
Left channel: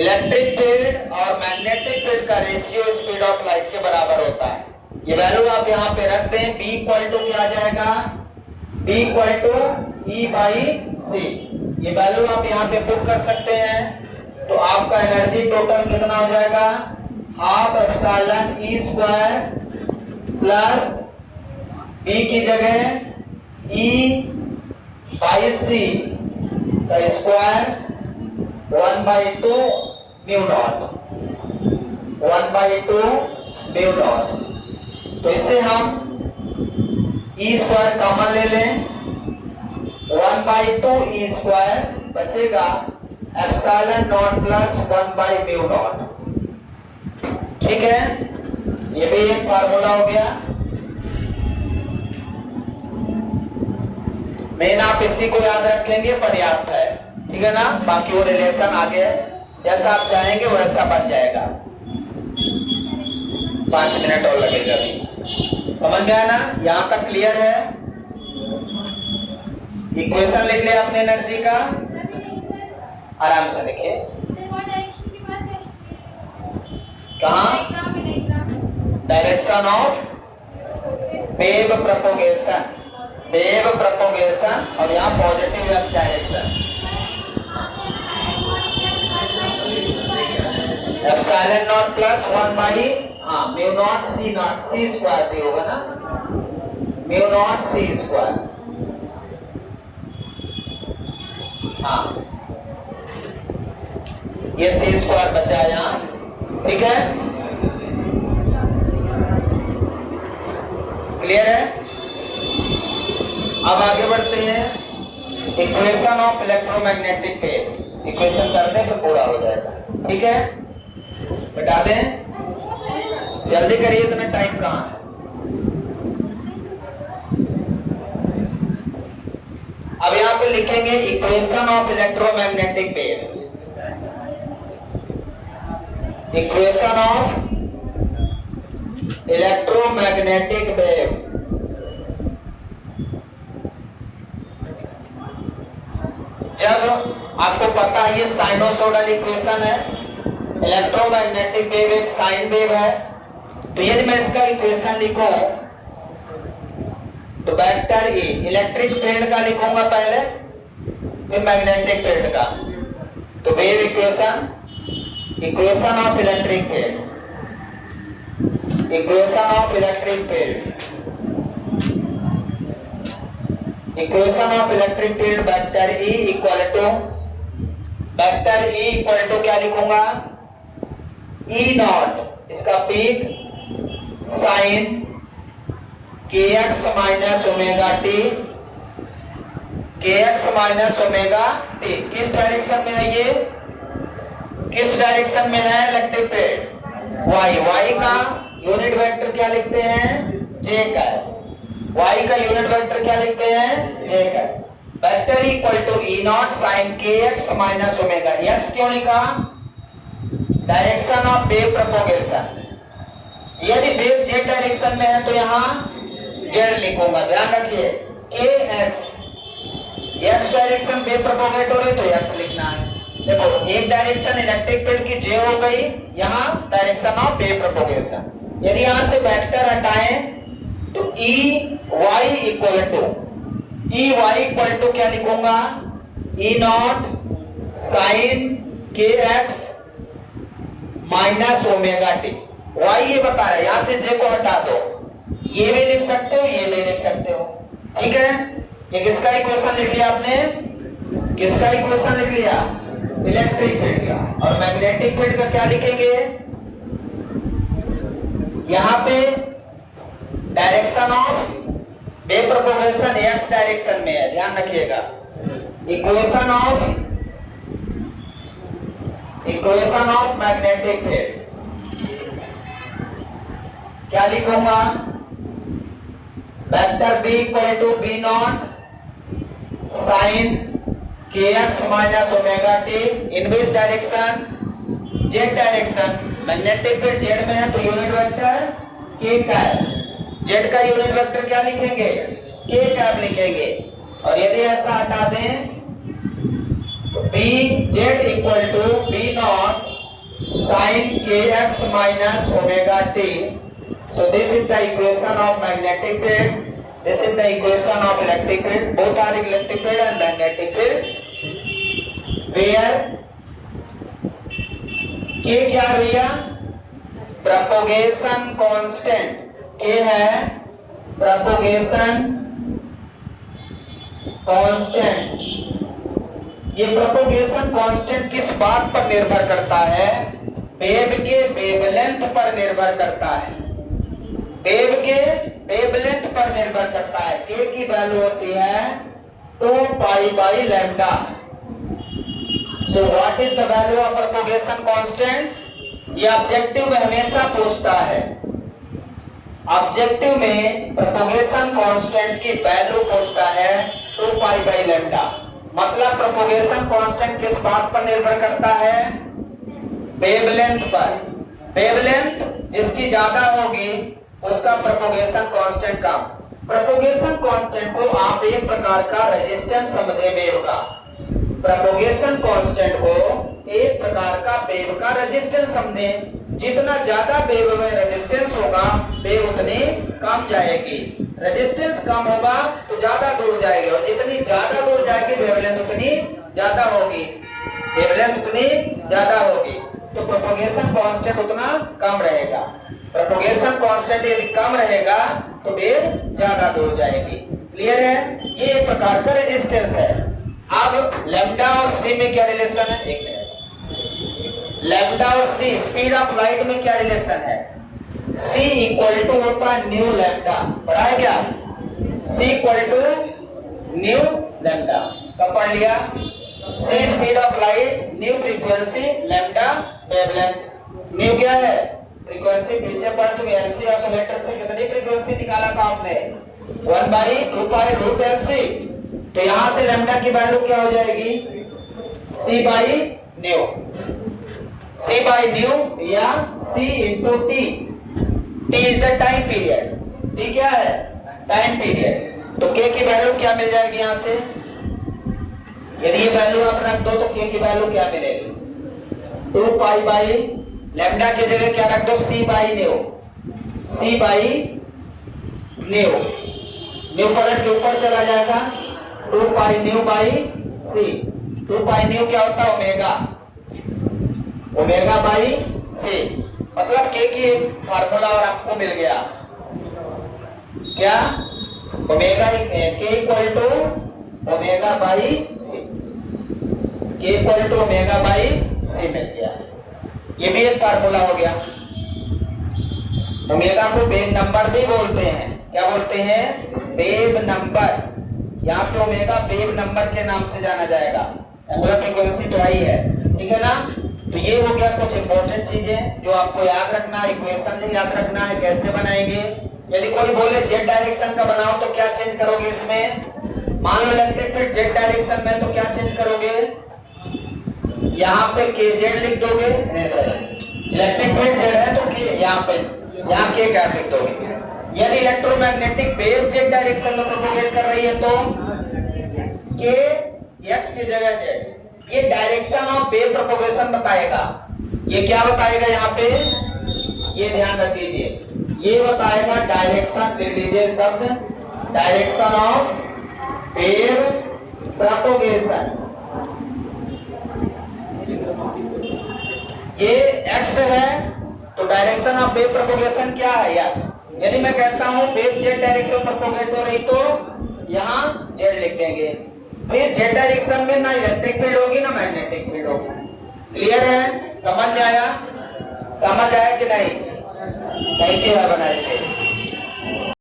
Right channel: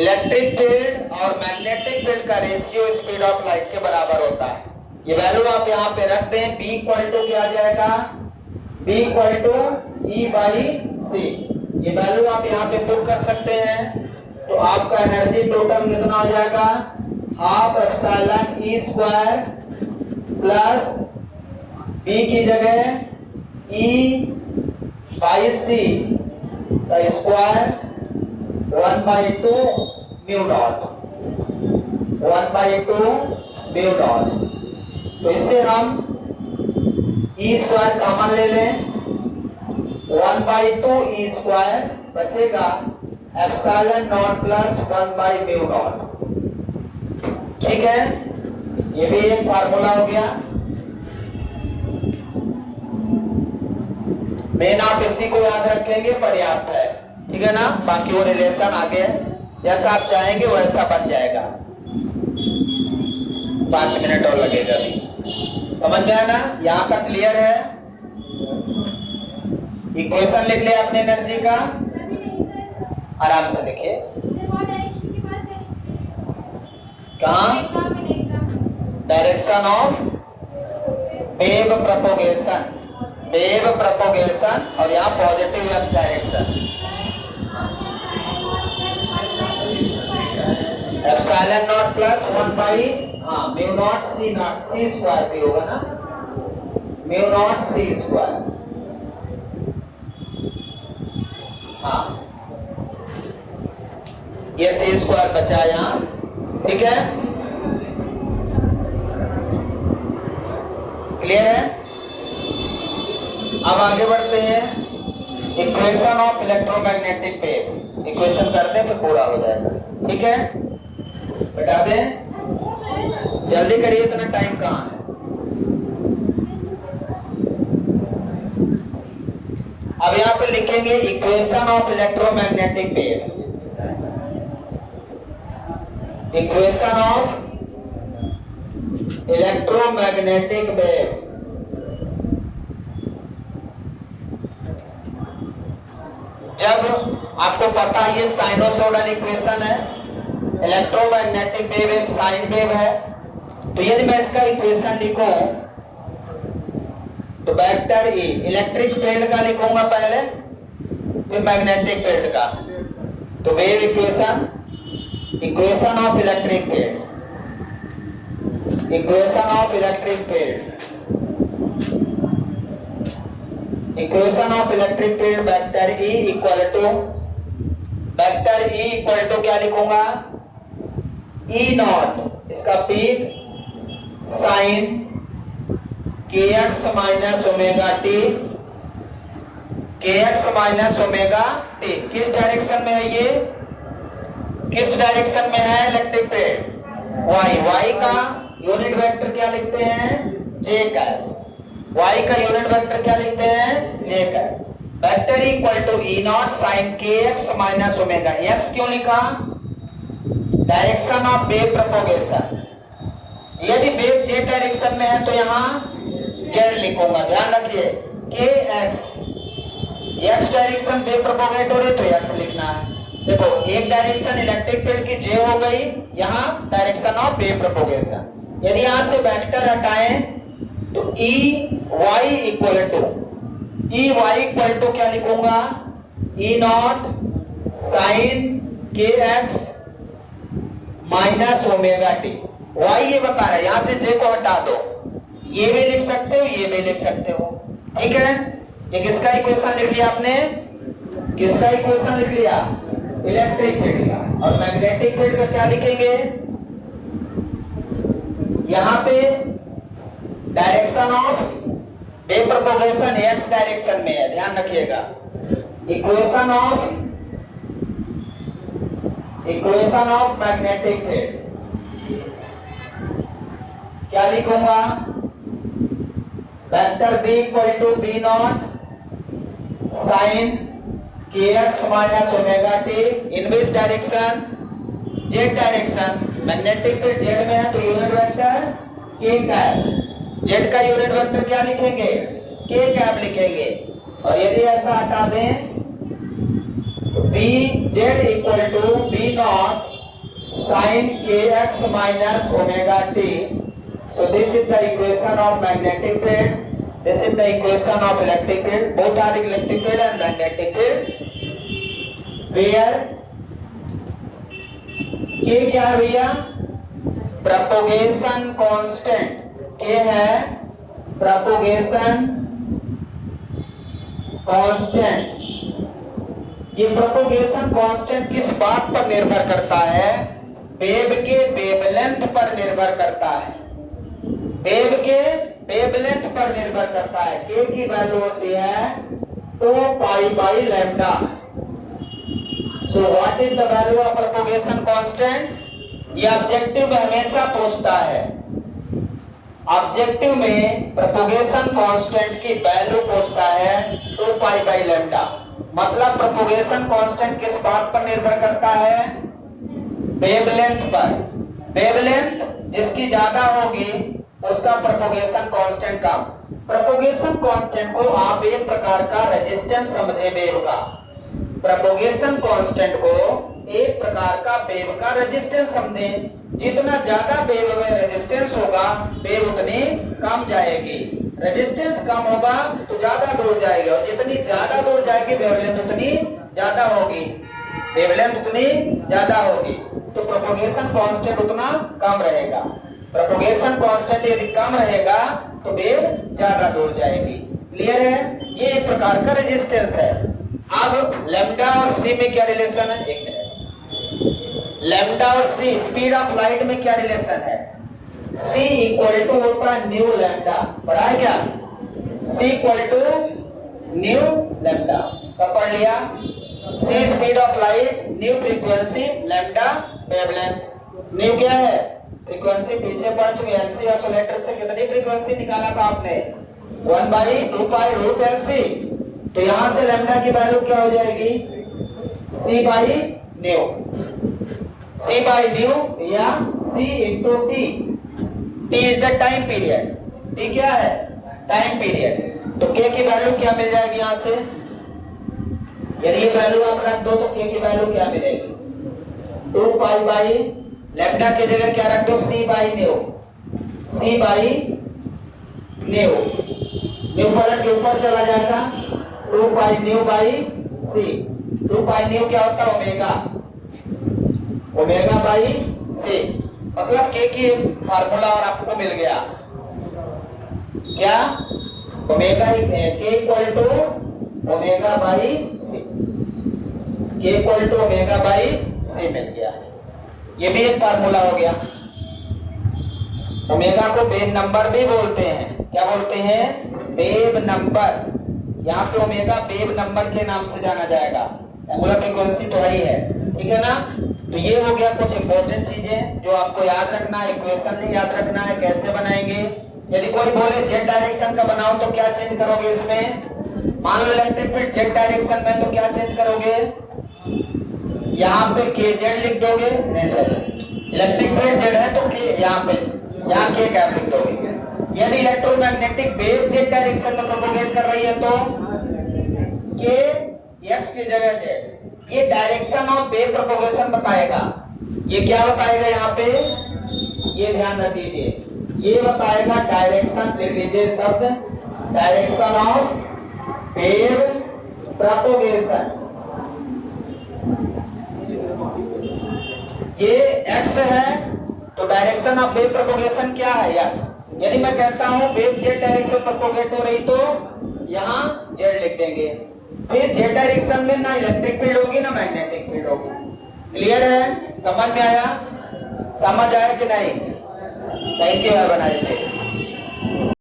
electric field और मैग्नेटिक फील्ड का रेशियो स्पीड ऑफ लाइट के बराबर होता है। ये वैल्यू आप यहाँ पे रख दें, B इक्वल टू क्या आ जाएगा, B equal to E by C, ये वैल्यू आप यहाँ पे पुट कर सकते हैं, तो आपका एनर्जी टोटल कितना हो जाएगा, half epsilon E square plus B की जगह ई बाई सी का square 1/2 mu naught, 1/2 mu naught. तो इससे हम ई स्क्वायर कॉमन ले लें, 1/2 ई स्क्वायर बचेगा एप्सिलॉन नॉट प्लस 1/म्यू नॉट, ठीक है। ये भी एक फार्मूला हो गया। मेन आप इसी को याद रखेंगे पर्याप्त है, ठीक है ना। बाकी वो रिलेशन आगे जैसा आप चाहेंगे वैसा बन जाएगा। 5 मिनट और लगेगा अभी, समझ गया ना, यहां तक क्लियर है। इक्वेशन लिख ले आपने एनर्जी का, आराम से लिखिए। कहाँ, direction of wave propagation, wave propagation, और यहाँ positive X direction. Epsilon naught plus 1 mu naught C naught, C square भी होगा ना, म्यू नॉट सी स्क्वायर, हाँ ये सी स्क्वायर बचा यहाँ, ठीक है, क्लियर है। अब आगे बढ़ते हैं, equation of electromagnetic wave, equation कर दें तो पूरा हो जाएगा, ठीक है। बता दें, जल्दी करिए, इतना टाइम कहाँ है। अब यहां पे लिखेंगे equation of electromagnetic wave, equation of electromagnetic wave. जब आपको पता है ये साइनोसॉइडल इक्वेशन है, इलेक्ट्रोमैग्नेटिक वेव एक साइन वेव है, तो यदि मैं इसका इक्वेशन लिखूं तो वेक्टर ई इलेक्ट्रिक फील्ड का लिखूंगा पहले, फिर मैग्नेटिक फील्ड का। तो wave equation, equation of electric field, equation of electric field, equation of electric field vector E equal to, vector E equal to क्या लिखूंगा, ई नॉट इसका peak sine K X minus omega T, K X minus omega T. किस direction में है ये, किस direction में है इलेक्ट्रिक फील्ड, वाई। वाई का यूनिट वेक्टर क्या लिखते हैं, जे का। वाई का यूनिट वेक्टर क्या लिखते हैं, जे का। Vector equal to E naught sine K X minus omega. X क्यों लिखा, डायरेक्शन ऑफ वेव प्रोपगेशन। यदि वेव जेड डायरेक्शन में है तो यहां जेड लिखूंगा, ध्यान रखिए। K X, X direction wave propagate हो रही तो एक्स लिखना है। देखो एक डायरेक्शन इलेक्ट्रिक फील्ड की जे हो गई, यहां डायरेक्शन ऑफ वेव प्रोपगेशन। यदि यहां से वेक्टर हटाएं तो E Y equal to, E Y equal to क्या लिखूंगा, E naught sine K X minus omega T. Y ये बता रहा है, यहां से जे को हटा दो, ये भी लिख सकते हो, ये भी लिख सकते हो, ठीक है। ये किसका इक्वेशन लिख लिया आपने, किसका इक्वेशन लिख लिया, इलेक्ट्रिक फील्ड का। और मैग्नेटिक फील्ड का क्या लिखेंगे, यहां पे direction of wave propagation x direction में है, ध्यान रखिएगा। इक्वेशन ऑफ मैग्नेटिक फील्ड क्या लिखूंगा, vector B equal to B naught sine K X minus omega T in which direction, Z direction. Magnetic field Z में है तो यूनिट वेक्टर के का है, जेड का यूनिट वेक्टर क्या लिखेंगे, के कैप लिखेंगे। और यदि ऐसा हटा दें तो B Z equal to B naught sine K X minus omega T. So this is the equation of magnetic field, this is the equation of electric field. Both are electric field and magnetic field where K क्या भैया, propagation constant. K है propagation constant. ये propagation constant किस बात पर निर्भर करता है, वेव के वेवलेंथ पर निर्भर करता है, वेव के वेवलेंथ पर निर्भर करता है। के की वैल्यू होती है 2 pi by lambda. So what is the value of propagation constant, ये ऑब्जेक्टिव में हमेशा पूछता है। ऑब्जेक्टिव में प्रोपगेशन कांस्टेंट की वैल्यू पूछता है 2 पाई बाई लैम्डा। मतलब प्रोपगेशन कांस्टेंट किस बात पर निर्भर करता है, वेवलेंथ पर। वेवलेंथ जिसकी ज्यादा होगी उसका प्रोपगेशन कांस्टेंट कम। प्रोपगेशन कांस्टेंट को आप एक प्रकार का रेजिस्टेंस समझे वेव का, प्रोपगेशन कांस्टेंट को एक प्रकार का वेव का रेजिस्टेंस समझे। जितना ज्यादा वेव में रेजिस्टेंस होगा वेव उतनी कम जाएगी, रेजिस्टेंस कम होगा तो ज्यादा दूर जाएगी, और जितनी ज्यादा दूर जाएगी वेवलेंथ उतनी ज्यादा होगी, वेवलेंथ उतनी ज्यादा होगी, तो प्रोपगेशन कांस्टेंट उतना कम रहेगा। प्रोपगेशन कांस्टेंट यदि कम रहेगा तो वेव ज्यादा दूर जाएगी। क्लियर है, ये एक प्रकार का रेजिस्टेंस है। अब लैम्डा और सी में क्या रिलेशन है, एक मिनट। लैम्डा और सी स्पीड ऑफ लाइट में क्या रिलेशन है, C इक्वल टू होता है न्यू लैम्डा, पढ़ा है क्या, C equal to nu lambda. कब पढ़ लिया, C speed of light, nu frequency, lambda wavelength. Nu क्या है, फ्रीक्वेंसी, पीछे पढ़ चुके एलसी ऑसिलेटर से कितनी फ्रीक्वेंसी निकाला था आपने, 1/2 पाई रूट एलसी। तो यहां से लैम्डा की वैल्यू क्या हो जाएगी, C by nu, C by new या C into T. T is the time period, T क्या है, टाइम पीरियड। तो के की वैल्यू क्या मिल जाएगी यहां से, यदि ये वैल्यू आप रख दो तो के की वैल्यू क्या मिलेगी, 2 पाई बाई लैम्डा की जगह क्या रख दो, C by nu, C by nu. Nu पलट के ऊपर चला जाएगा, 2 pi nu by C. 2 pi nu क्या होता है? Omega, omega by C. मतलब के की फार्मूला और आपको मिल गया क्या? ओमेगा के इक्वल टू ओमेगा बाई सी, के इक्वल टू ओमेगा बाई सी मिल गया। ये भी एक फार्मूला हो गया। ओमेगा को वेव नंबर भी बोलते हैं। क्या बोलते हैं? Wave number. यहाँ पे ओमेगा वेव नंबर के नाम से जाना जाएगा। एंगुलर फ्रीक्वेंसी तो आई है, ठीक है ना। तो ये हो गया कुछ इंपॉर्टेंट चीजें जो आपको याद रखना है। इक्वेशन भी याद रखना है, कैसे बनाएंगे। यदि कोई बोले जेड डायरेक्शन का बनाओ तो क्या चेंज करोगे इसमें? मान लो इलेक्ट्रिक फील्ड जेड डायरेक्शन में, तो क्या चेंज करोगे? यहाँ पे के जेड लिख दोगे, नहीं सॉरी, इलेक्ट्रिक फील्ड जेड है तो के यहाँ पे, यहाँ के कैप लिख दोगे। यदि इलेक्ट्रोमैग्नेटिक वेव जेड डायरेक्शन में प्रोपोगेट कर रही है तो के एक्स की जगह जेड। ये डायरेक्शन ऑफ वेव प्रोपोगेशन बताएगा। ये क्या बताएगा यहाँ पे? ये ध्यान रख दीजिए, ये बताएगा डायरेक्शन, लिख दीजिए शब्द डायरेक्शन ऑफ वेव प्रोपोगेशन। ये एक्स है तो डायरेक्शन ऑफ वेव प्रोपोगेशन क्या है? एक्स। यदि मैं कहता हूं वेव जेड डायरेक्शन प्रोपोगेट हो रही तो यहां जेड लिख देंगे। फिर जेड डायरेक्शन में ना इलेक्ट्रिक फील्ड होगी ना मैग्नेटिक फील्ड होगी। क्लियर है? समझ में आया? समझ आया कि नहीं? Thank you, have a nice day.